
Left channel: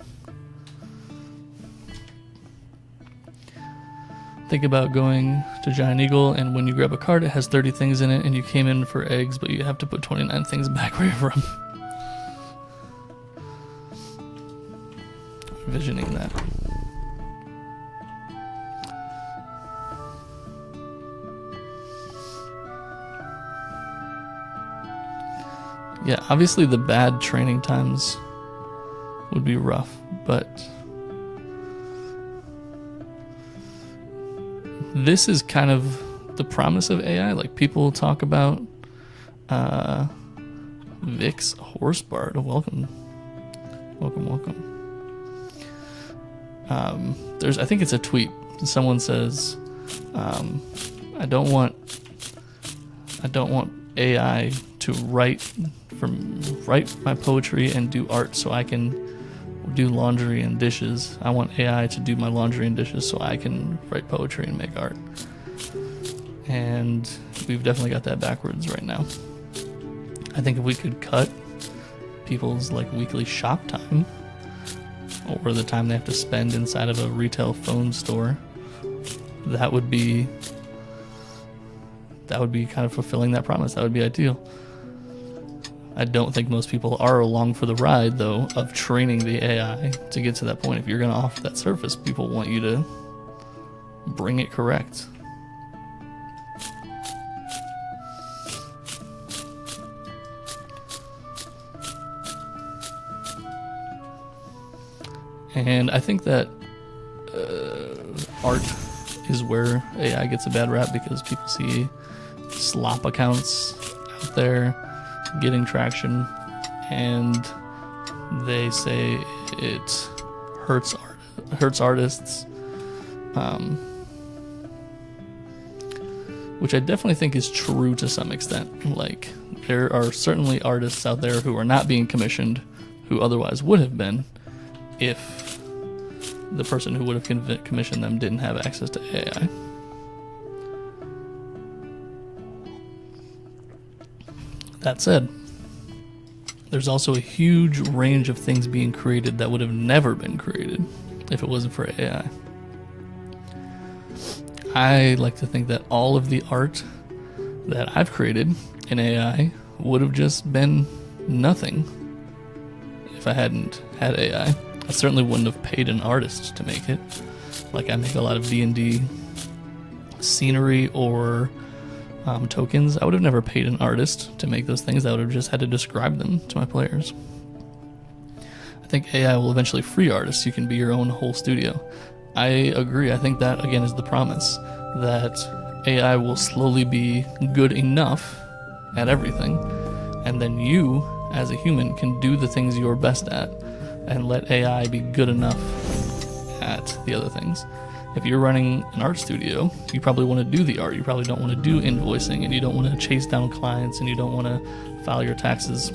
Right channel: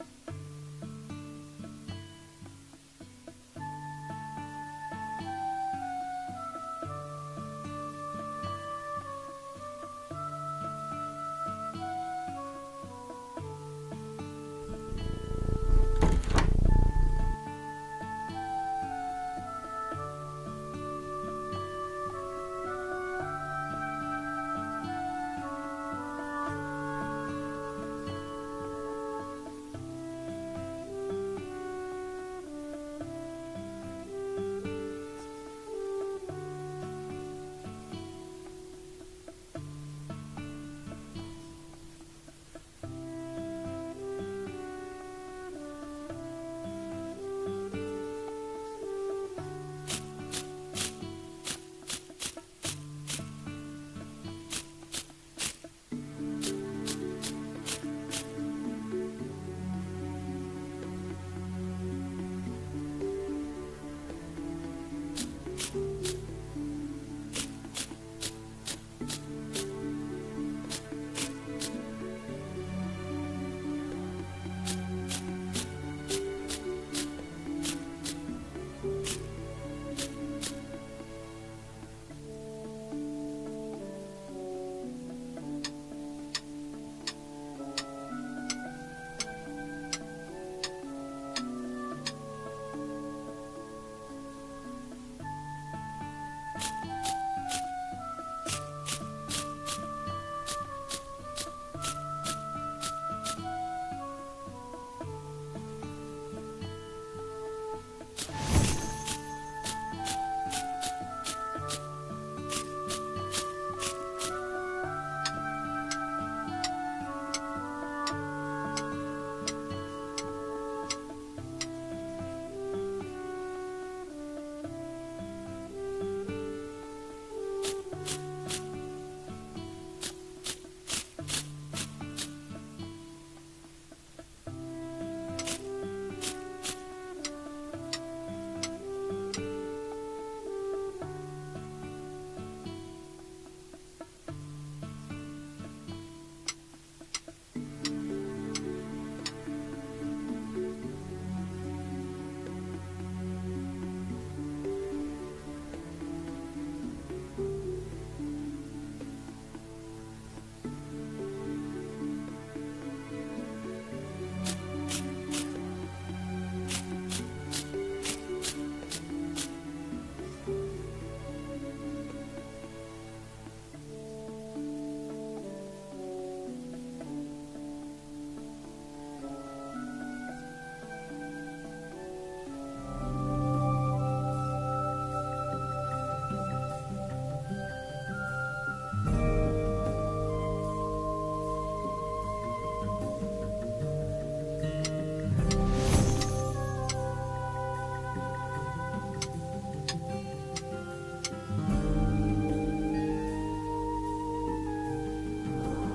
think about going to Giant Eagle, and when you grab a cart, it has 30 things in it, and you came in for eggs, but you have to put 29 things back where you're from. Envisioning that. Yeah, obviously the bad training times would be rough, but this is kind of the promise of AI. Like, people talk about Vix Horsebard. Welcome. I think it's a tweet. Someone says, I don't want AI to write my poetry and do art so I can do laundry and dishes. I want AI to do my laundry and dishes so I can write poetry and make art. And we've definitely got that backwards right now. I think if we could cut people's weekly shop time, or the time they have to spend inside of a retail phone store, that would be kind of fulfilling that promise. That would be ideal. I don't think most people are along for the ride, though, of training the AI to get to that point. If you're going to offer that service, people want you to bring it correct. And I think that art is where AI gets a bad rap, because people see slop accounts out there getting traction, and they say it hurts artists, which I definitely think is true to some extent. Like, there are certainly artists out there who are not being commissioned who otherwise would have been if the person who would have commissioned them didn't have access to AI. That said, there's also a huge range of things being created that would have never been created if it wasn't for AI. I like to think that all of the art that I've created in AI would have just been nothing if I hadn't had AI. I certainly wouldn't have paid an artist to make it. Like, I make a lot of D&D scenery or tokens. I would have never paid an artist to make those things. I would have just had to describe them to my players. I think AI will eventually free artists. You can be your own whole studio. I agree. I think that, again, is the promise, that AI will slowly be good enough at everything, and then you, as a human, can do the things you're best at, and let AI be good enough at the other things. If you're running an art studio, you probably want to do the art. You probably don't want to do invoicing, and you don't want to chase down clients, and you don't want to file your taxes.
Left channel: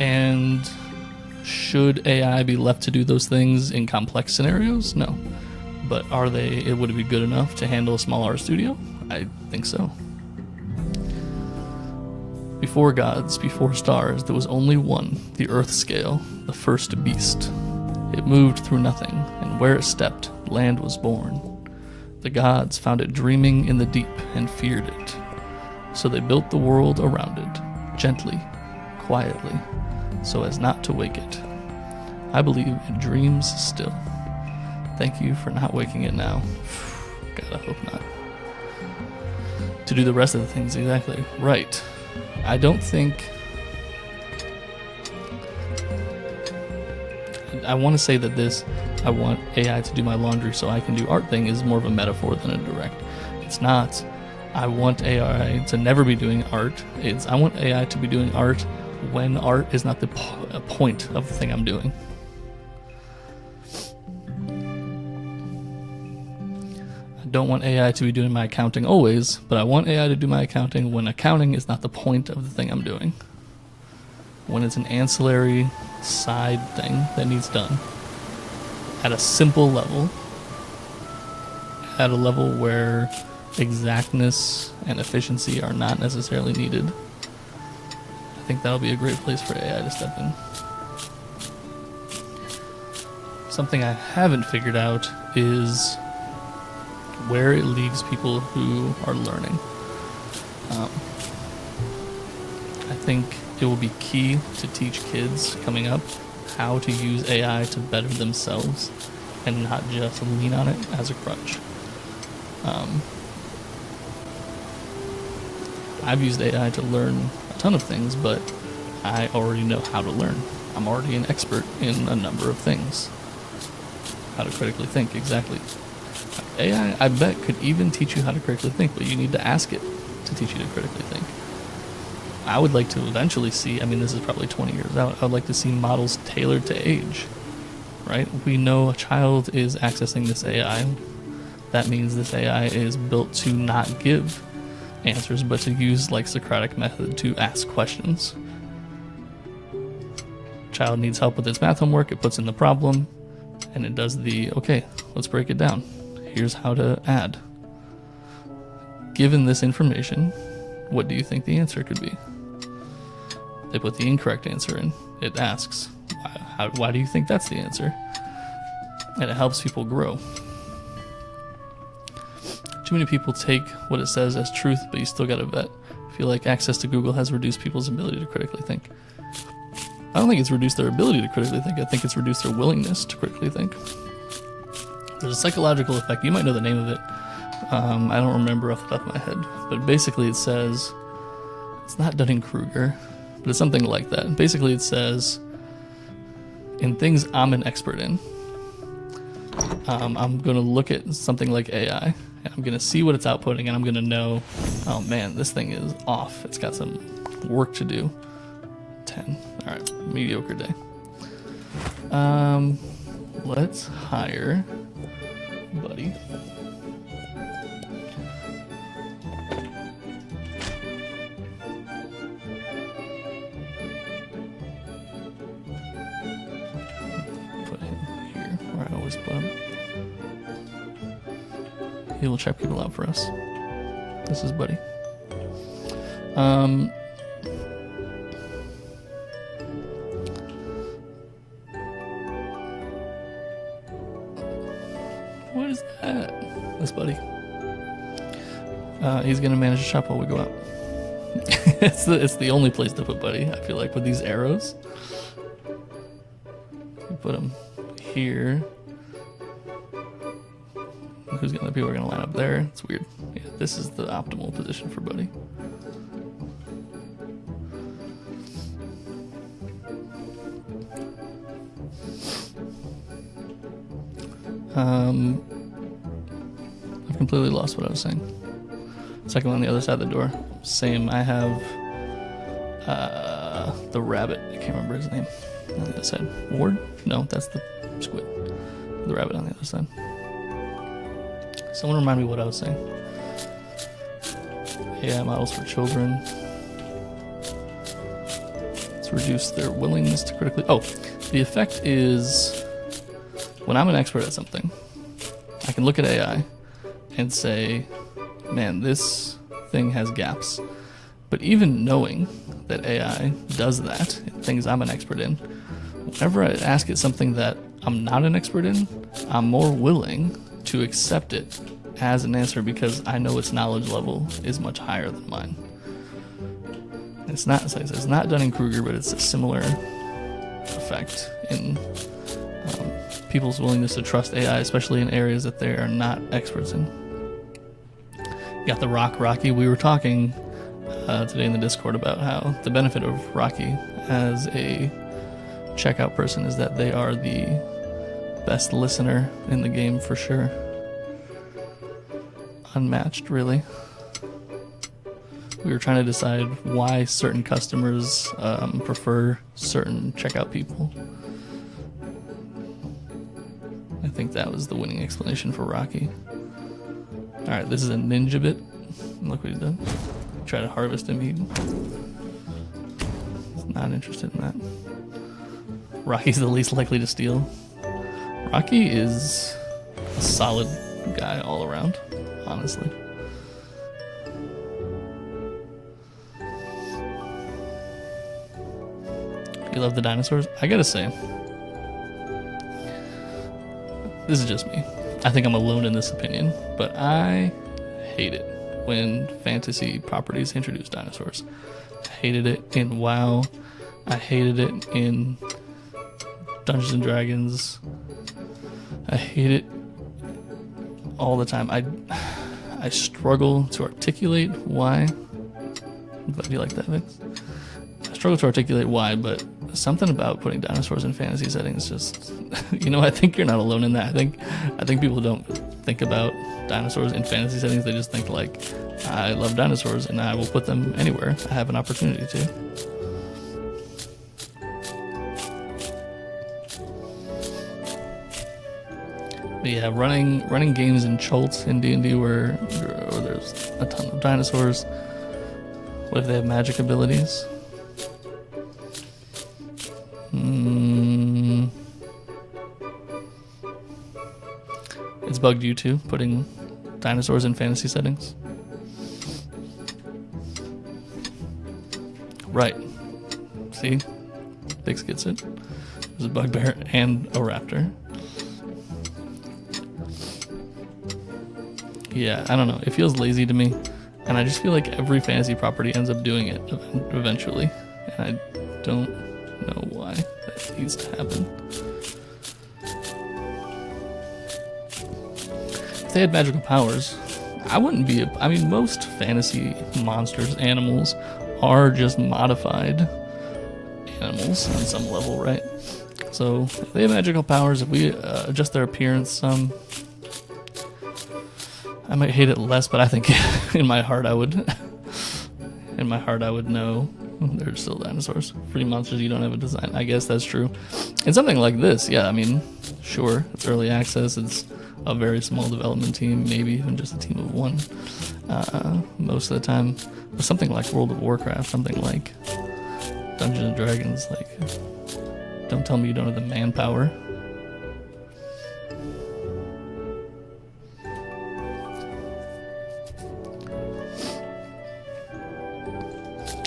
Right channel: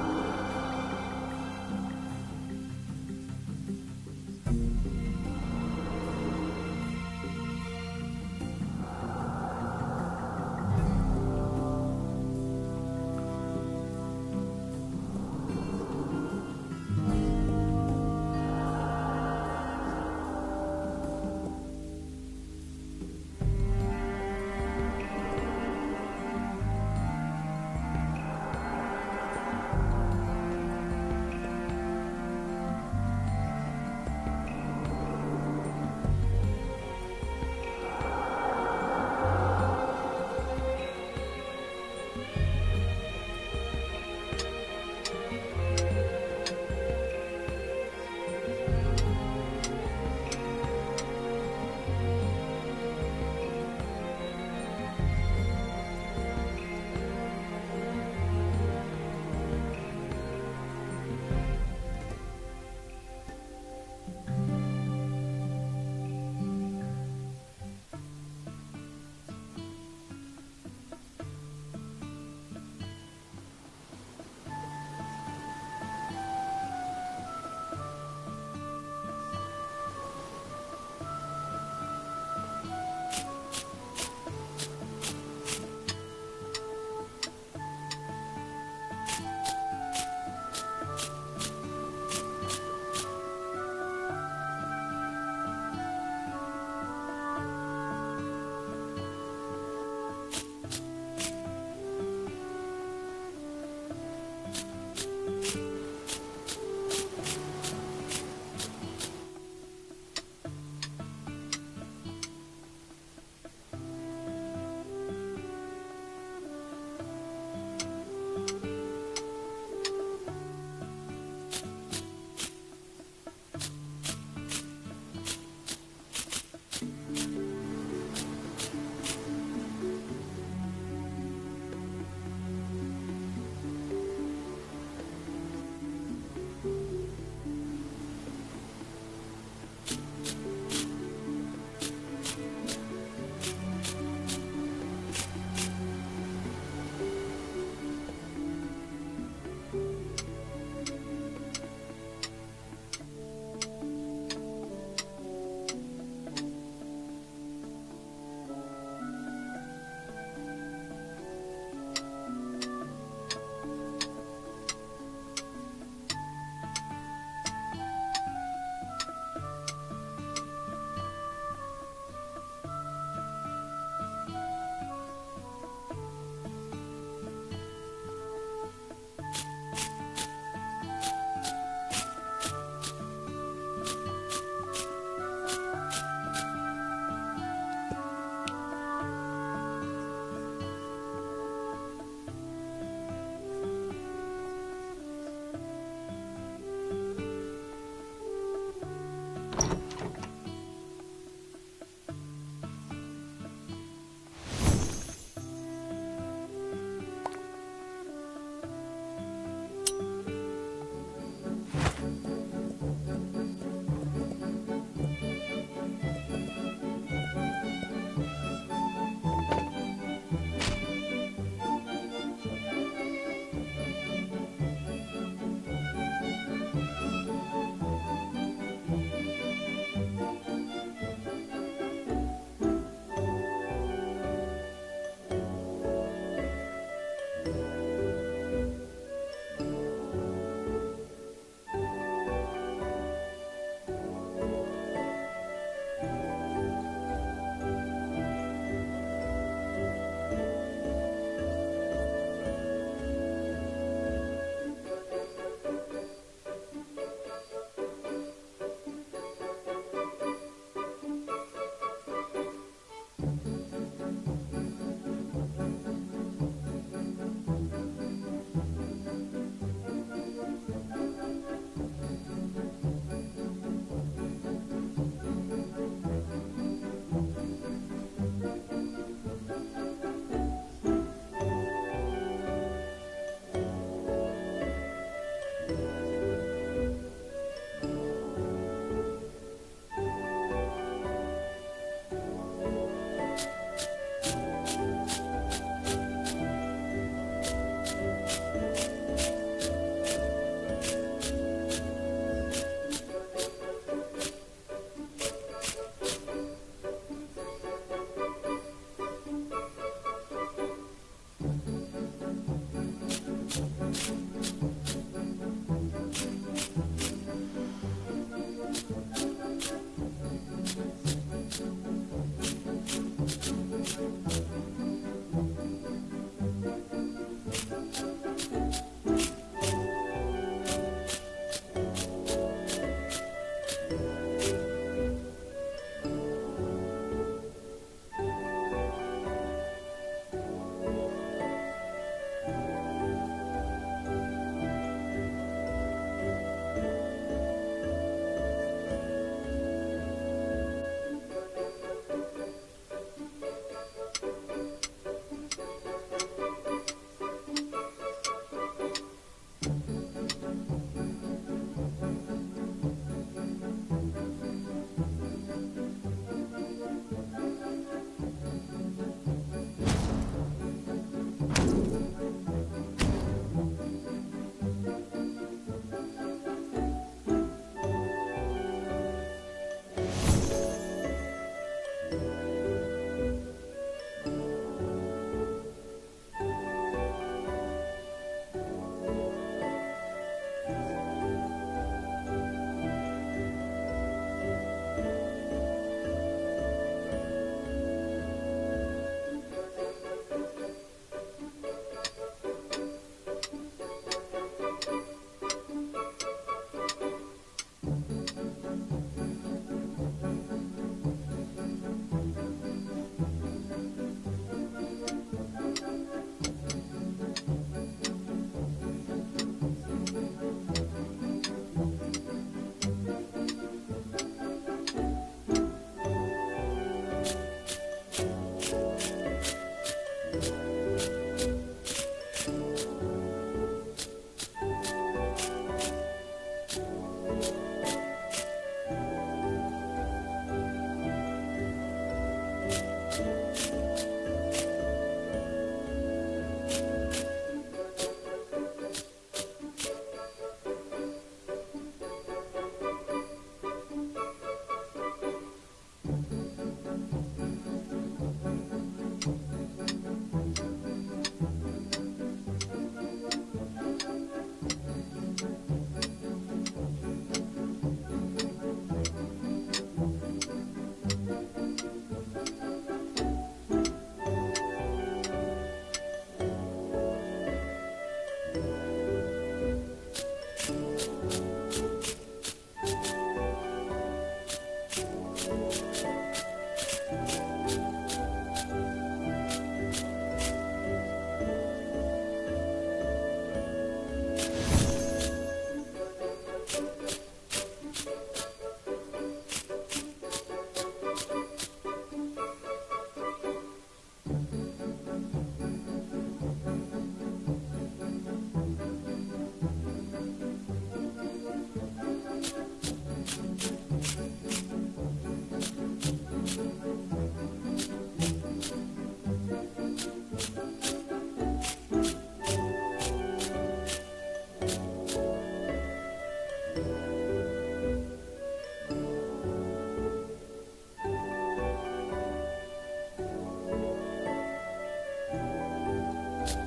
And should AI be left to do those things in complex scenarios? No. But would it be good enough to handle a small art studio? I think so. Before gods, before stars, there was only one, the earth scale, the first beast. It moved through nothing, and where it stepped, land was born. The gods found it dreaming in the deep and feared it. So they built the world around it, gently, quietly, so as not to wake it. I believe it dreams still. Thank you for not waking it now. God, I hope not. To do the rest of the things exactly right. I don't think... I want to say that this, I want AI to do my laundry so I can do art thing, is more of a metaphor than a direct. It's not, I want AI to never be doing art. It's, I want AI to be doing art when art is not the point of the thing I'm doing. I don't want AI to be doing my accounting always, but I want AI to do my accounting when accounting is not the point of the thing I'm doing. When it's an ancillary side thing that needs done at a simple level, at a level where exactness and efficiency are not necessarily needed. I think that'll be a great place for AI to step in. Something I haven't figured out is where it leaves people who are learning. Um, I think it will be key to teach kids coming up how to use AI to better themselves and not just lean on it as a crutch. I've used AI to learn a ton of things, but I already know how to learn. I'm already an expert in a number of things. How to critically think, exactly. AI, I bet, could even teach you how to critically think, but you need to ask it to teach you to critically think. I would like to eventually see, I mean, this is probably 20 years out, I would like to see models tailored to age, right? We know a child is accessing this AI. That means this AI is built to not give answers, but to use like Socratic method to ask questions. Child needs help with its math homework, it puts in the problem, and it does the, okay, let's break it down. Here's how to add. Given this information, what do you think the answer could be? They put the incorrect answer in. It asks, why do you think that's the answer? And it helps people grow. Too many people take what it says as truth, but you still gotta vet. I feel like access to Google has reduced people's ability to critically think. I don't think it's reduced their ability to critically think. I think it's reduced their willingness to critically think. There's a psychological effect. You might know the name of it. I don't remember off the top of my head. But basically it says, it's not Dunning-Kruger, but it's something like that. Basically it says, in things I'm an expert in, I'm going to look at something like AI, and I'm going to see what it's outputting, and I'm going to know, oh man, this thing is off. It's got some work to do. 10. All right, mediocre day. Let's hire Buddy. Put him here, where I always put him. He will check people out for us. This is Buddy. What is that? This Buddy. He's gonna manage the shop while we go out. it's the only place to put Buddy, I feel like, with these arrows. Put him here. People are gonna line up there. It's weird. Yeah, this is the optimal position for Buddy. I've completely lost what I was saying. Second one on the other side of the door. Same. I have the rabbit. I can't remember his name. On the other side. Ward? No, that's the squid. The rabbit on the other side. Someone remind me what I was saying. AI models for children. Let's reduce their willingness to critically... Oh, the effect is... When I'm an expert at something, I can look at AI and say, man, this thing has gaps. But even knowing that AI does that, things I'm an expert in, whenever I ask it something that I'm not an expert in, I'm more willing to accept it as an answer because I know its knowledge level is much higher than mine. It's not Dunning-Kruger, but it's a similar effect in people's willingness to trust AI, especially in areas that they are not experts in. You got the Rocky. We were talking today in the Discord about how the benefit of Rocky as a checkout person is that they are the best listener in the game for sure. Unmatched, really. We were trying to decide why certain customers prefer certain checkout people. I think that was the winning explanation for Rocky. Alright, this is a ninja bit. Look what he did. Try to harvest him. He's not interested in that. Rocky's the least likely to steal. Rocky is a solid guy all around, honestly. You love the dinosaurs? I gotta say, this is just me. I think I'm alone in this opinion, but I hate it when fantasy properties introduce dinosaurs. I hated it in WoW. I hated it in Dungeons and Dragons. I hate it all the time. I struggle to articulate why. But you like that, Vince? I struggle to articulate why, but something about putting dinosaurs in fantasy settings just, I think you're not alone in that. I think people don't think about dinosaurs in fantasy settings. They just think like, I love dinosaurs and I will put them anywhere I have an opportunity to. But yeah, running games in Chults in D&D where there's a ton of dinosaurs. What if they have magic abilities? It's bugged you too, putting dinosaurs in fantasy settings? Right. See? Biggs gets it. There's a bugbear and a raptor. Yeah, I don't know. It feels lazy to me. And I just feel like every fantasy property ends up doing it eventually. And I don't know why that needs to happen. If they had magical powers, I wouldn't be most fantasy monsters, animals, are just modified animals on some level, right? So if they have magical powers, if we adjust their appearance some, I might hate it less, but I think in my heart I would know they're still dinosaurs. Pretty monsters you don't have a design. I guess that's true. And something like this, yeah, sure, it's early access, it's a very small development team, maybe even just a team of one most of the time. But something like World of Warcraft, something like Dungeons and Dragons, like, don't tell me you don't have the manpower.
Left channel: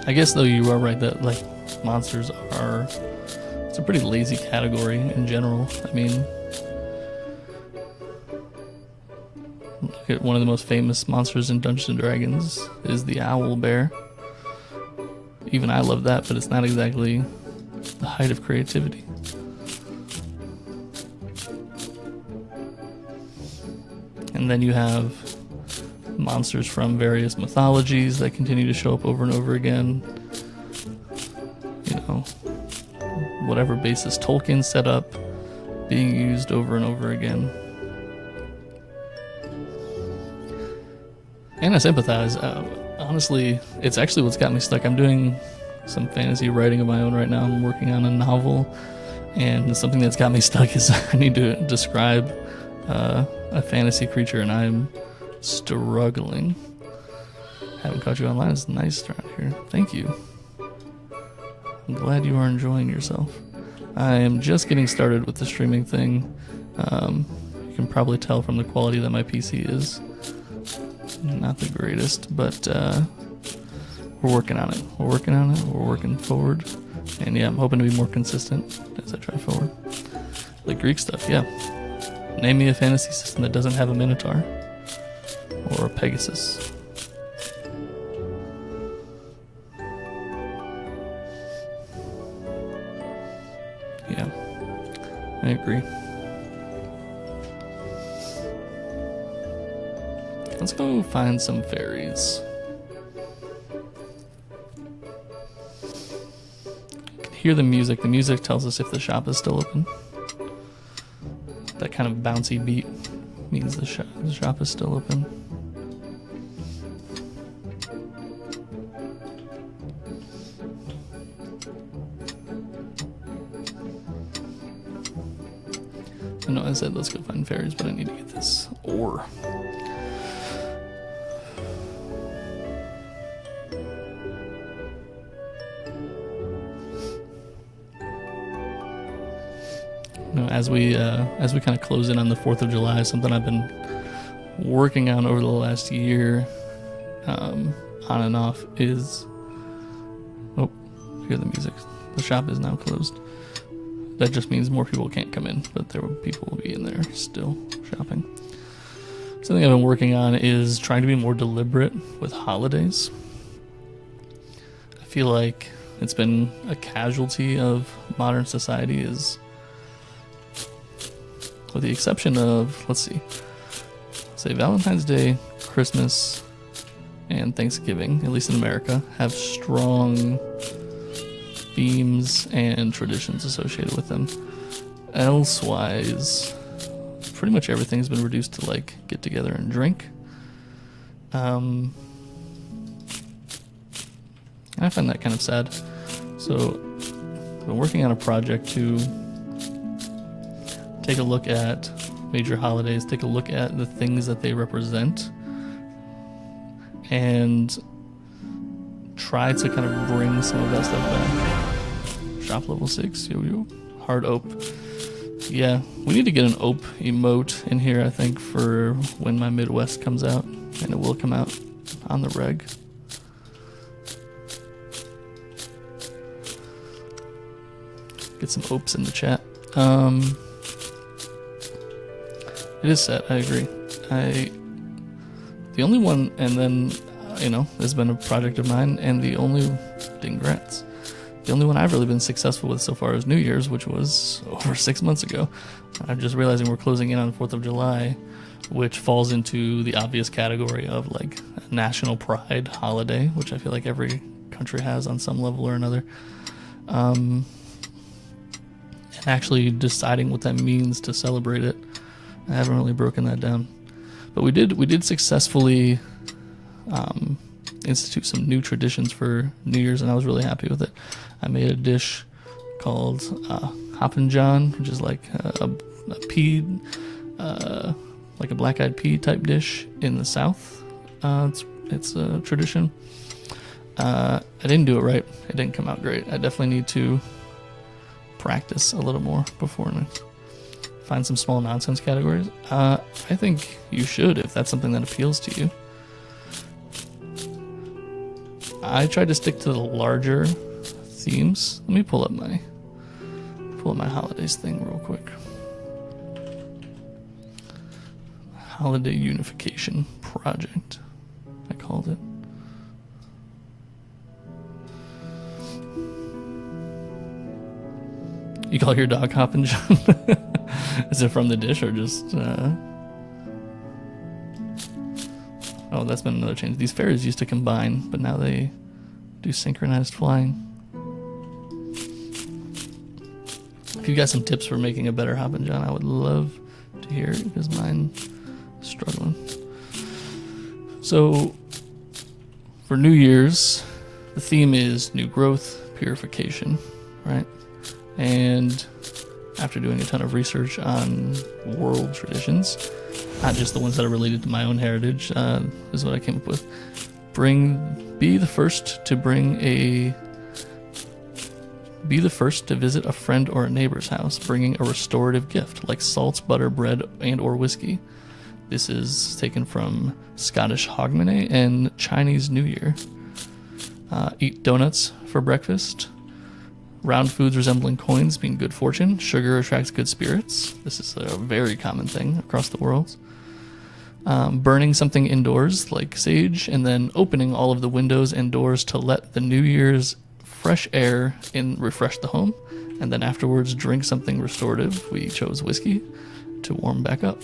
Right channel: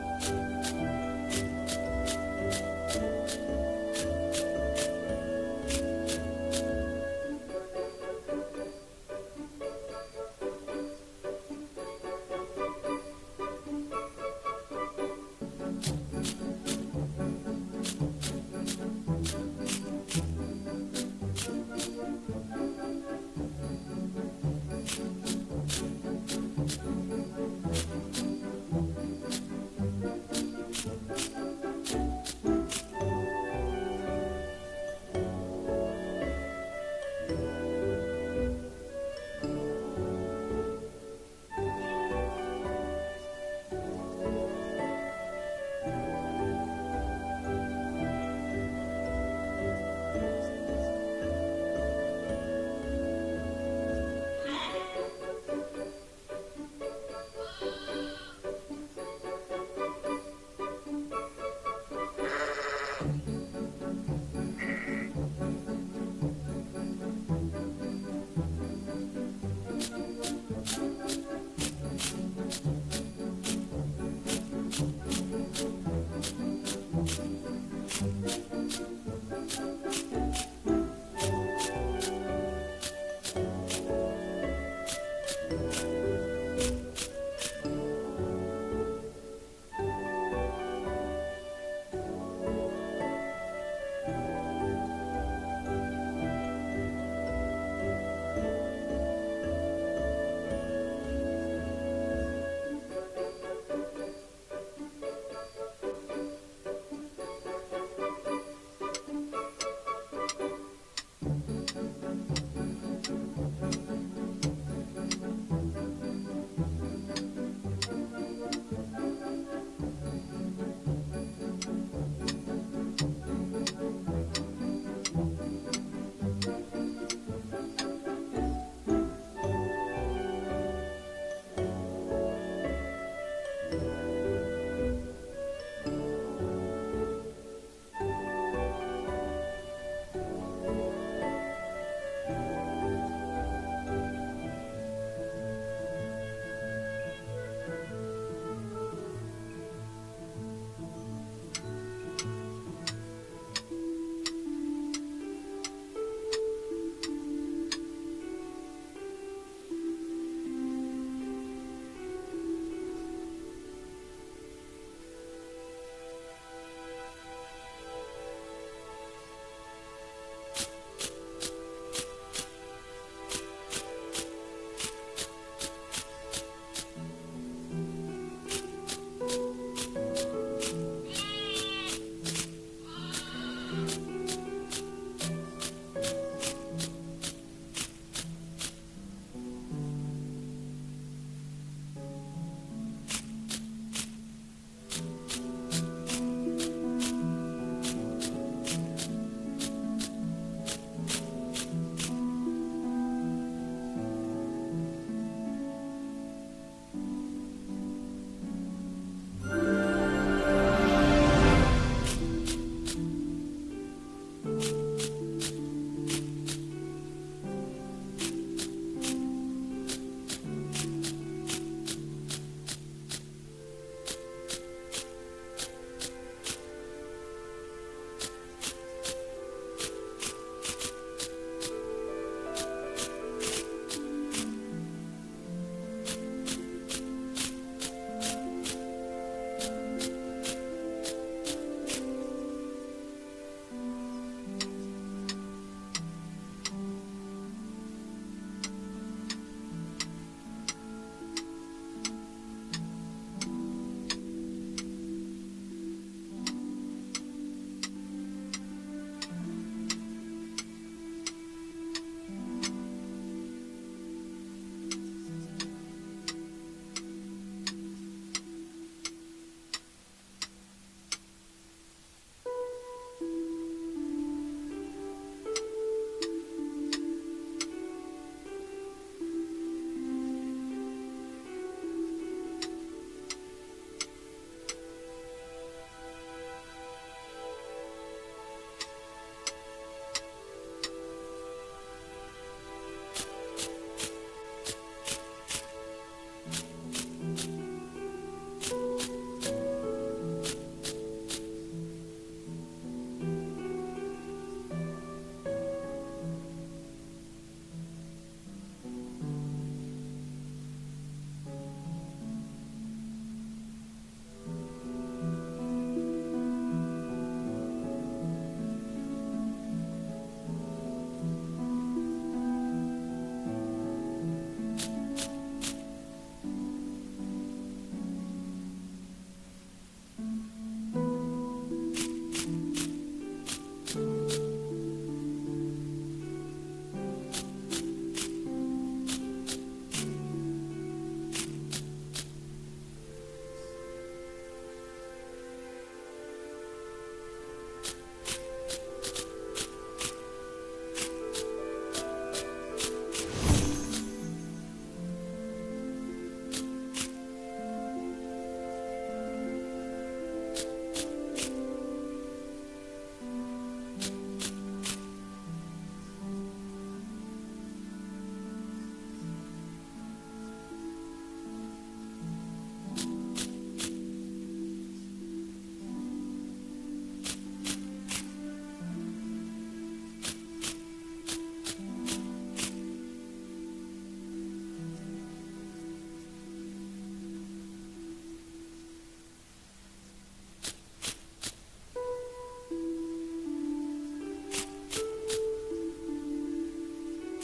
I guess though you are right that like monsters it's a pretty lazy category in general. Look at one of the most famous monsters in Dungeons and Dragons is the owl bear. Even I love that, but it's not exactly the height of creativity. And then you have monsters from various mythologies that continue to show up over and over again. Whatever basis Tolkien set up, being used over and over again. And I sympathize. Honestly, it's actually what's got me stuck. I'm doing some fantasy writing of my own right now. I'm working on a novel, and something that's got me stuck is I need to describe a fantasy creature, and I'm struggling. Haven't caught you online. It's nice around here. Thank you. I'm glad you are enjoying yourself. I am just getting started with the streaming thing. You can probably tell from the quality that my PC is not the greatest, but we're working on it. We're working forward. And yeah, I'm hoping to be more consistent as I try forward. The Greek stuff, yeah. Name me a fantasy system that doesn't have a Minotaur or a Pegasus. Yeah, I agree. Let's go find some fairies. You can hear the music. The music tells us if the shop is still open. That kind of bouncy beat means the shop is still open. I said let's go find fairies, but I need to get this ore. As we kind of close in on the 4th of July, something I've been working on over the last year, on and off, is hear the music. The shop is now closed. that just means more people can't come in, but people will be in there still shopping. Something I've been working on is trying to be more deliberate with holidays. I feel like it's been a casualty of modern society, is, with the exception of, let's say Valentine's Day, Christmas, and Thanksgiving, at least in America, have strong themes and traditions associated with them. Elsewise, pretty much everything's been reduced to like get together and drink. I find that kind of sad. So I've been working on a project to take a look at major holidays, take a look at the things that they represent, and try to kind of bring some of that stuff back. Shop level 6, yo, hard ope. Yeah, we need to get an ope emote in here, I think, for when my Midwest comes out, and it will come out on the reg. Get some opes in the chat. It is set, I agree. The only one, and then, has been a project of mine, and the only, Dingrats, the only one I've really been successful with so far is New Year's, which was over 6 months ago. I'm just realizing we're closing in on the 4th of July, which falls into the obvious category of like a national pride holiday, which I feel like every country has on some level or another. And actually deciding what that means to celebrate it, I haven't really broken that down. But we did successfully institute some new traditions for New Year's, and I was really happy with it. I made a dish called Hoppin' John, which is like a pea, like a black-eyed pea type dish in the South. It's a tradition. I didn't do it right. It didn't come out great. I definitely need to practice a little more before and find some small nonsense categories. I think you should, if that's something that appeals to you. I tried to stick to the larger themes. Let me pull up my holidays thing real quick. Holiday Unification Project, I called it. You call your dog Hoppin' John? Is it from the dish or just... Oh, that's been another change. These fairies used to combine, but now they do synchronized flying. If you got some tips for making a better Hoppin' John, I would love to hear it, because mine's struggling. So, for New Year's, the theme is new growth, purification, right? And after doing a ton of research on world traditions, not just the ones that are related to my own heritage, is what I came up with. Be the first to visit a friend or a neighbor's house, bringing a restorative gift like salt, butter, bread, and or whiskey. This is taken from Scottish Hogmanay and Chinese New Year. Eat donuts for breakfast. Round foods resembling coins being good fortune. Sugar attracts good spirits. This is a very common thing across the world. Burning something indoors like sage, and then opening all of the windows and doors to let the New Year's fresh air in, refresh the home, and then afterwards drink something restorative. We chose whiskey to warm back up.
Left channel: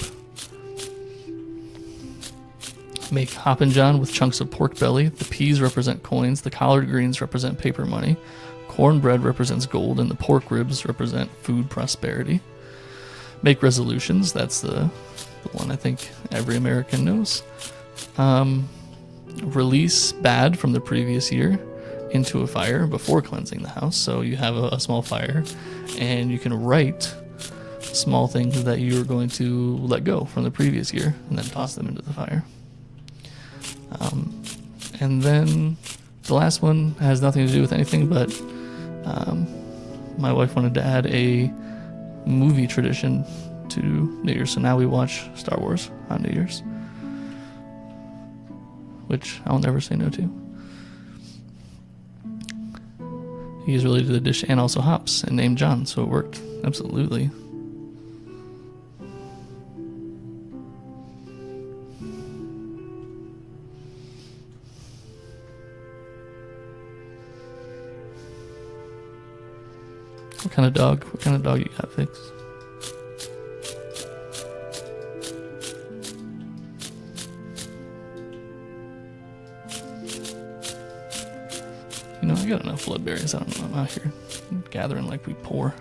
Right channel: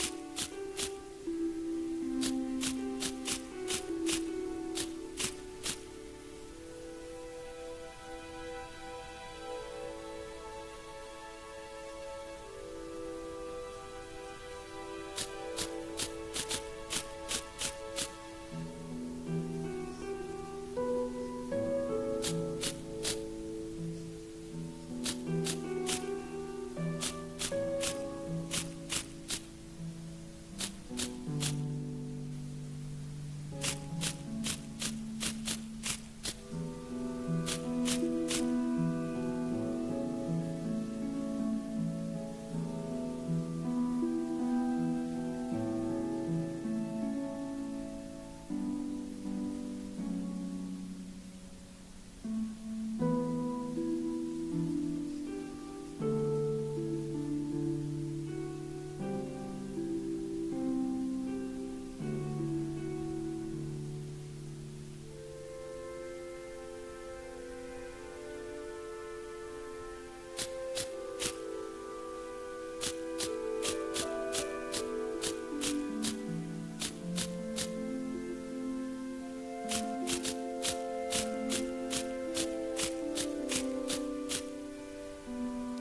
Make Hoppin' John with chunks of pork belly. The peas represent coins, the collard greens represent paper money, cornbread represents gold, and the pork ribs represent food prosperity. Make resolutions. That's the one I think every American knows. Release bad from the previous year into a fire before cleansing the house. So you have a small fire, and you can write small things that you're going to let go from the previous year, and then toss them into the fire. And then the last one has nothing to do with anything, but my wife wanted to add a movie tradition to New Year's, so now we watch Star Wars on New Year's, which I'll never say no to. He's related to the dish and also hops and named John, so it worked. Absolutely. What kind of dog you got, Fix? You know, I got enough bloodberries. I don't know. I'm out here gathering like we pour.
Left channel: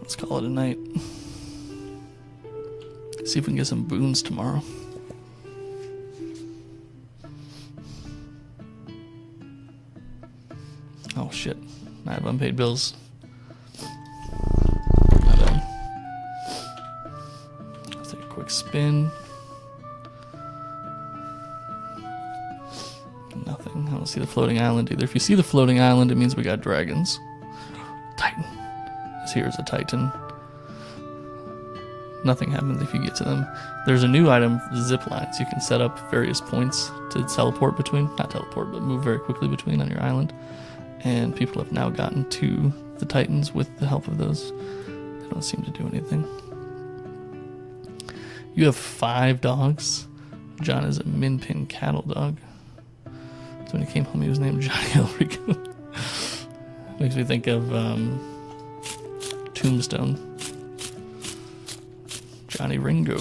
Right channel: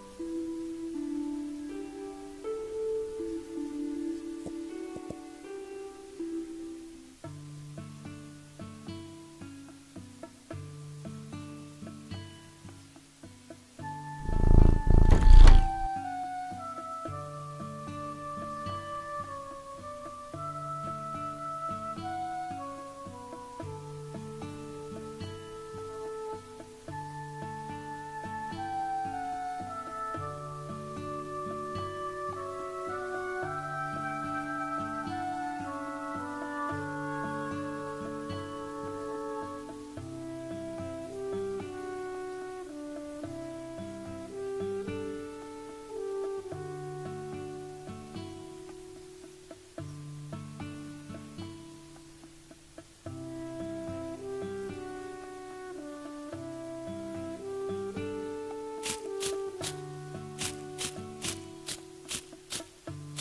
Let's call it a night. See if we can get some boons tomorrow. Oh shit. I have unpaid bills. Let's take a quick spin. Nothing. I don't see the floating island either. If you see the floating island, it means we got dragons. Titan. This here is a Titan. Nothing happens if you get to them. There's a new item, zip lines. You can set up various points to teleport between. Not teleport, but move very quickly between on your island. And people have now gotten to the Titans with the help of those. They don't seem to do anything. You have 5 dogs. John is a min-pin cattle dog. So when he came home, he was named Johnny Elrico. Makes me think of Tombstone. Johnny Ringo.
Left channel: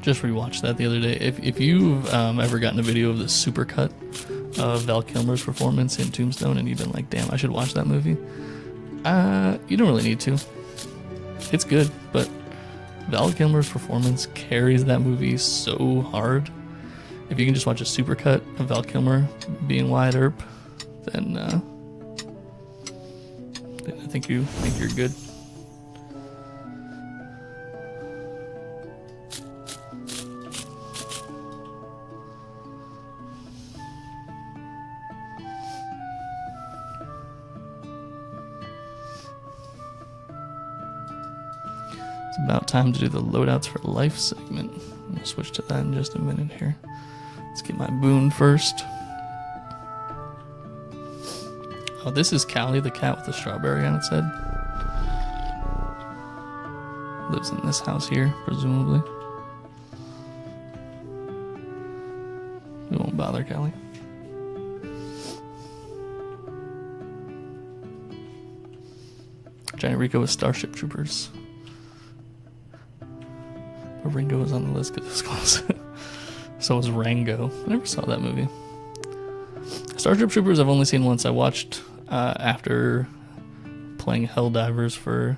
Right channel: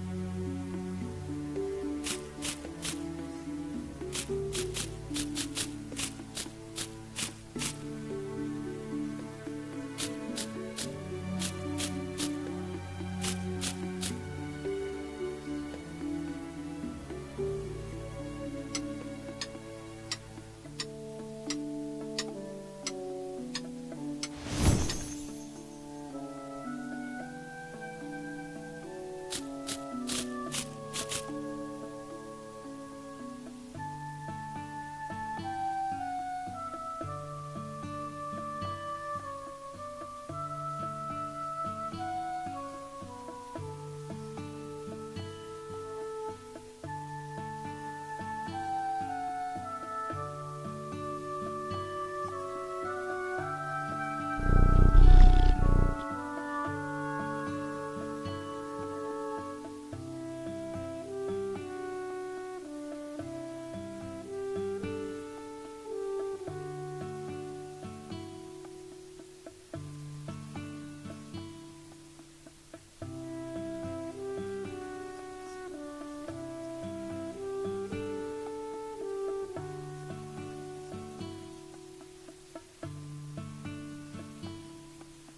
Just rewatched that the other day. If you've ever gotten a video of the supercut of Val Kilmer's performance in Tombstone and you've been like, damn, I should watch that movie, you don't really need to. It's good, but Val Kilmer's performance carries that movie so hard. If you can just watch a supercut of Val Kilmer being Wyatt Earp, then I think you're good. About time to do the loadouts for life segment. We'll switch to that in just a minute here. Let's get my boon first. Oh, this is Callie, the cat with the strawberry on its head. Lives in this house here, presumably. We won't bother Callie. Johnny Rico with Starship Troopers. Ringo was on the list because it was close. So was Rango. I never saw that movie. Starship Troopers I've only seen once. I watched after playing Helldivers for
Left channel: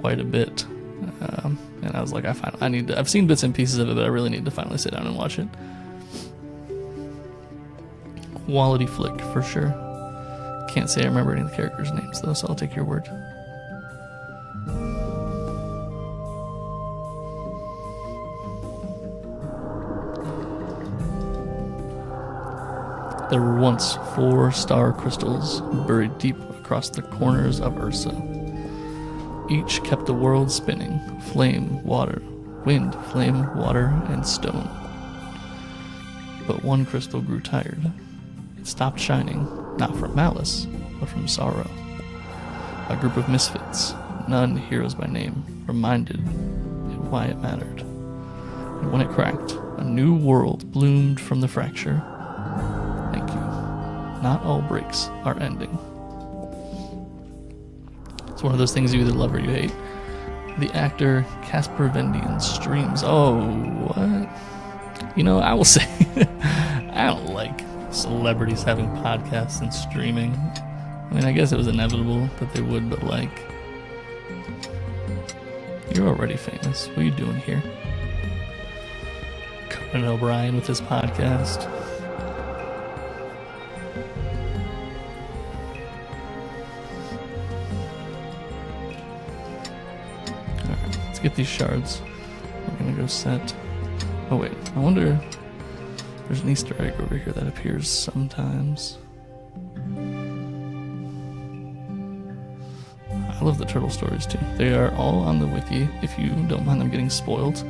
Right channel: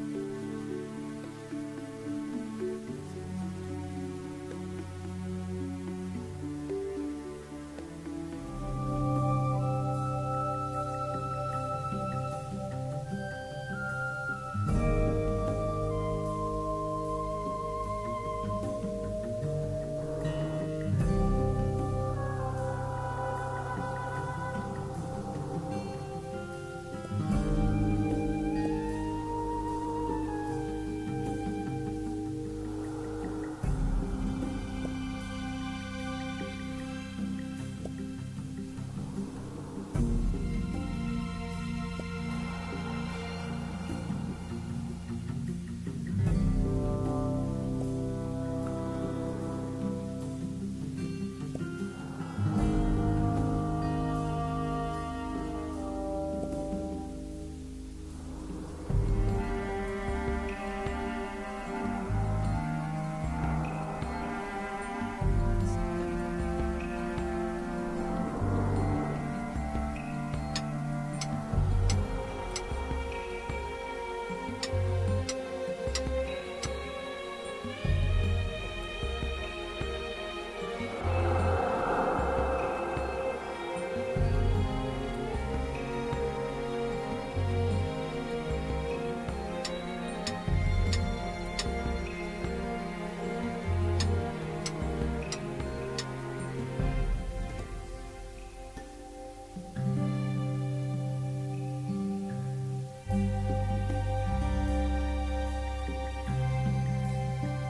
quite a bit. And I was like, I've seen bits and pieces of it, but I really need to finally sit down and watch it. Quality flick for sure. Can't say I remember any of the characters' names though, so I'll take your word. There were once 4 star crystals buried deep across the corners of Ursa. Each kept the world spinning, flame, water, wind, flame, water, and stone. But one crystal grew tired. It stopped shining, not from malice, but from sorrow. A group of misfits, none heroes by name, reminded it why it mattered. And when it cracked, a new world bloomed from the fracture. Not all breaks are ending. It's one of those things you either love or you hate. The actor Casper Van Dien streams. Oh, what? You know, I will say, I don't like celebrities having podcasts and streaming. I mean, I guess it was inevitable that they would, but like, you're already famous. What are you doing here? Conan O'Brien with his podcast. Let's get these shards. We're gonna go set. Oh wait, I wonder. There's an Easter egg over here that appears sometimes. I love the turtle stories too. They are all on the wiki if you don't mind them getting spoiled.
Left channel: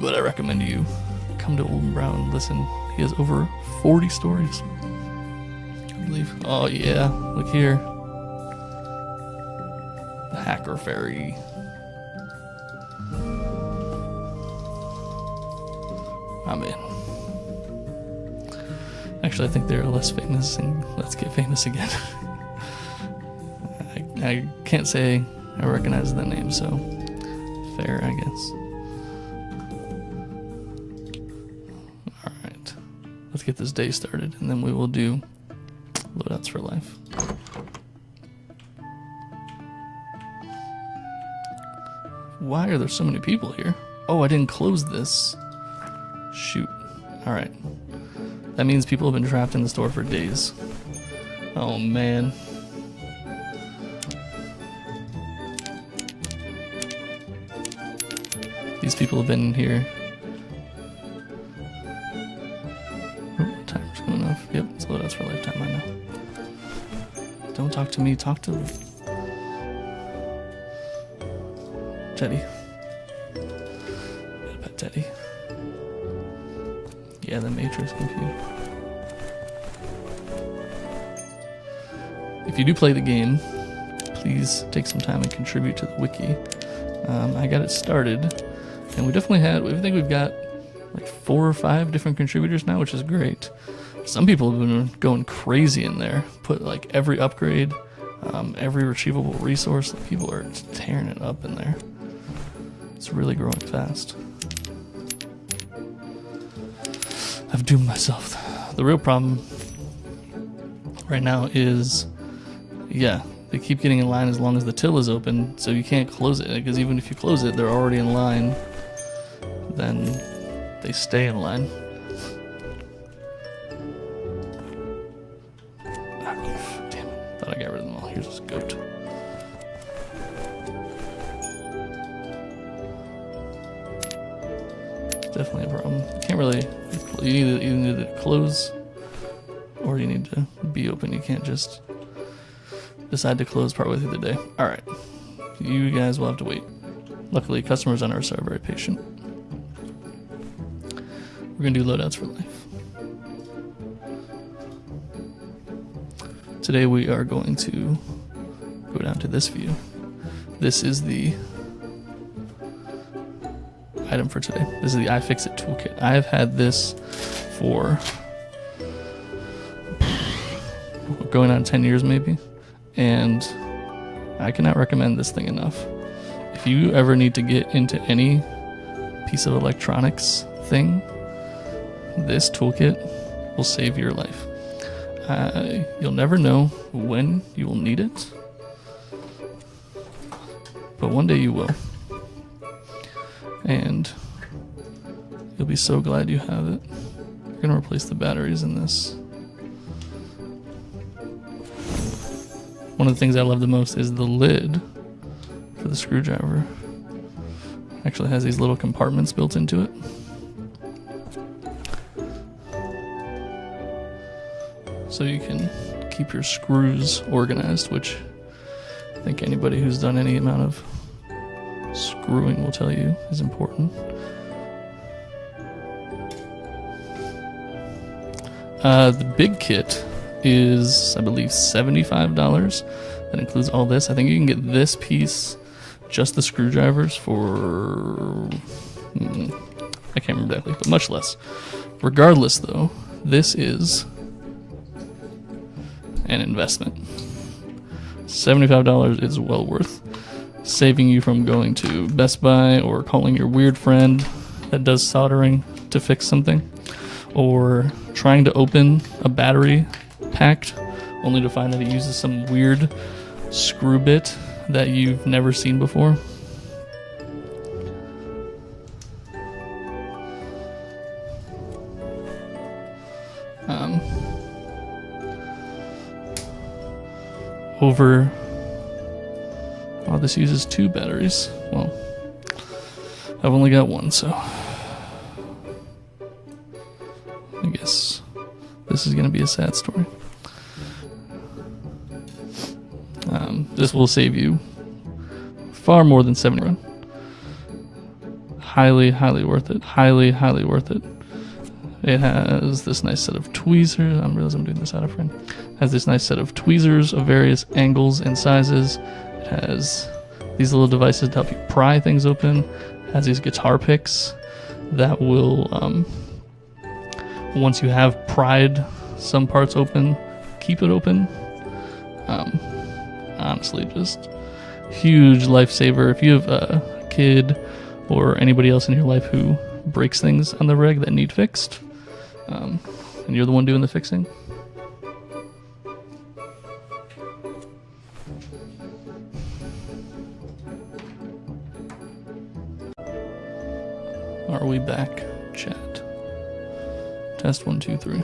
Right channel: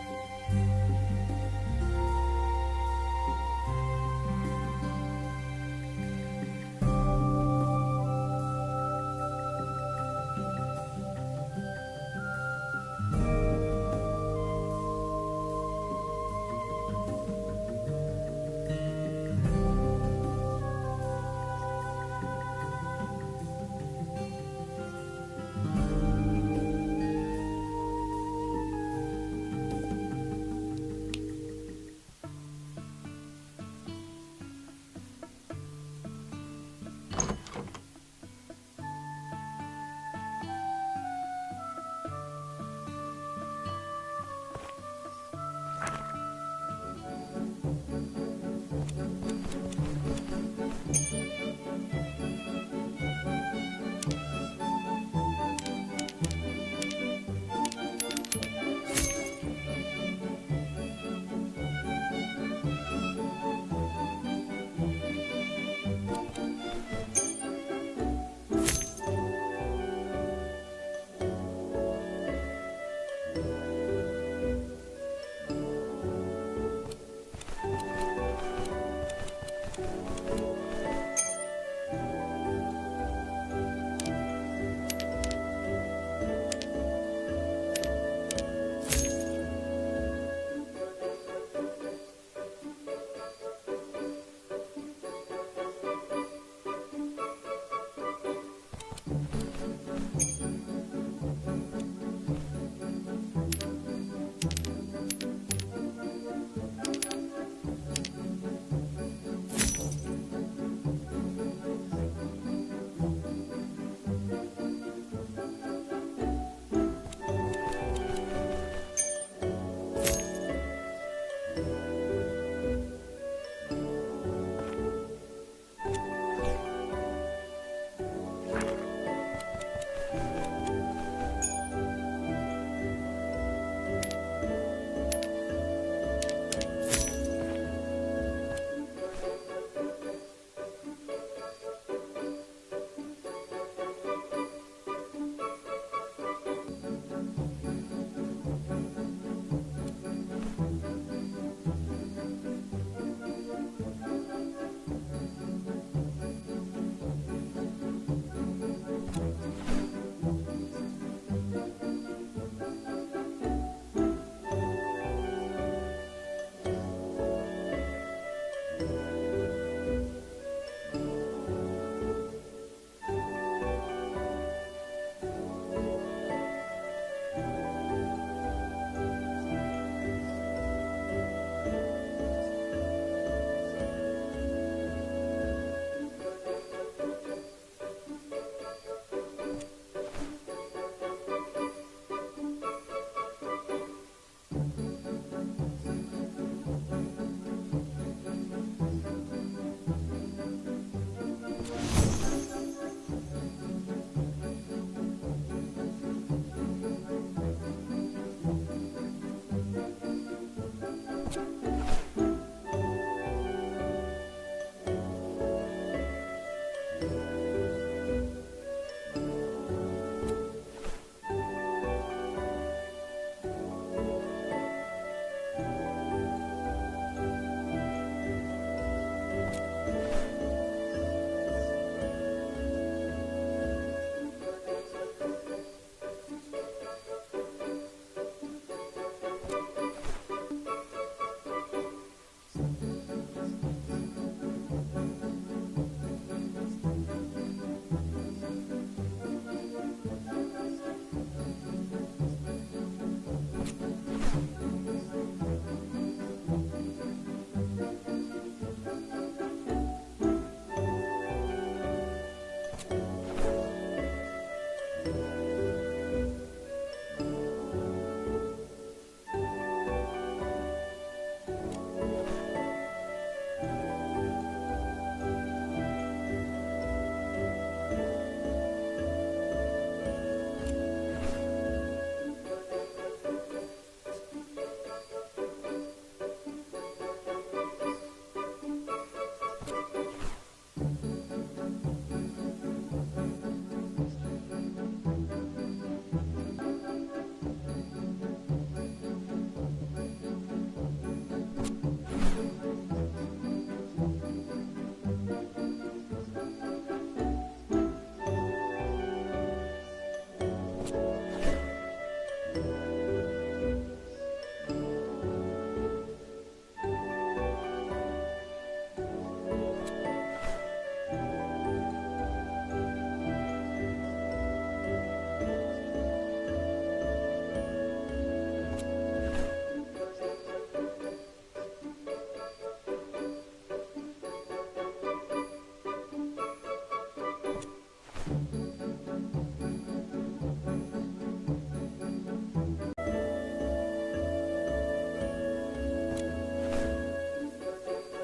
But I recommend you come to Old Brown. Listen, he has over 40 stories, I believe. Oh yeah, look here. The Hacker Ferry. I'm in. Actually, I think they're less famous in Let's Get Famous Again. I can't say I recognize the name, so fair, I guess. Alright, let's get this day started, and then we will do loadouts for life. Why are there so many people here? Oh, I didn't close this. Shoot. Alright. That means people have been trapped in the store for days. Oh man. These people have been here. Time's good enough. Yep, it's loadouts for lifetime, I know. Don't talk to me, talk to Teddy. What about Teddy? Yeah, the Matrix computer. If you do play the game, please take some time and contribute to the wiki. I got it started, and we definitely I think we've got like 4 or 5 different contributors now, which is great. Some people have been going crazy in there, put like every upgrade, every retrievable resource. People are tearing it up in there. It's really growing fast. I've doomed myself. The real problem right now is, yeah, they keep getting in line as long as the till is open, so you can't close it, because even if you close it, they're already in line. Then they stay in line. Damn it. Thought I got rid of them all. Here's this goat. Definitely a problem. You can't really, you either need to close or you need to be open. You can't just decide to close partway through the day. Alright, you guys will have to wait. Luckily, customers on our side are very patient. We're going to do loadouts for life. Today we are going to go down to this view. This is the item for today. This is the iFixit toolkit. I have had this for going on 10 years maybe, and I cannot recommend this thing enough. If you ever need to get into any piece of electronics thing, this toolkit will save your life. You'll never know when you will need it, but one day you will. And you'll be so glad you have it. We're going to replace the batteries in this. One of the things I love the most is the lid for the screwdriver. It actually has these little compartments built into it. So you can keep your screws organized, which I think anybody who's done any amount of screwing will tell you is important. The big kit is, I believe, $75. That includes all this. I think you can get this piece, just the screwdrivers, for I can't remember exactly, but much less. Regardless, though, this is an investment. $75 is well worth saving you from going to Best Buy or calling your weird friend that does soldering to fix something, or trying to open a battery packed only to find that it uses some weird screw bit that you've never seen before. Oh, this uses 2 batteries. Well, I've only got 1, so I guess this is going to be a sad story. This will save you far more than $70. highly, highly worth it. Highly, highly worth it. It has this nice set of tweezers. I realize I'm doing this out of frame. It has this nice set of tweezers of various angles and sizes. It has these little devices to help you pry things open. It has these guitar picks that will, once you have pried some parts open, keep it open. Honestly, just huge lifesaver. If you have a kid or anybody else in your life who breaks things on the reg that need fixed, and you're the one doing the fixing, are we back, chat? Test 1, 2, 3.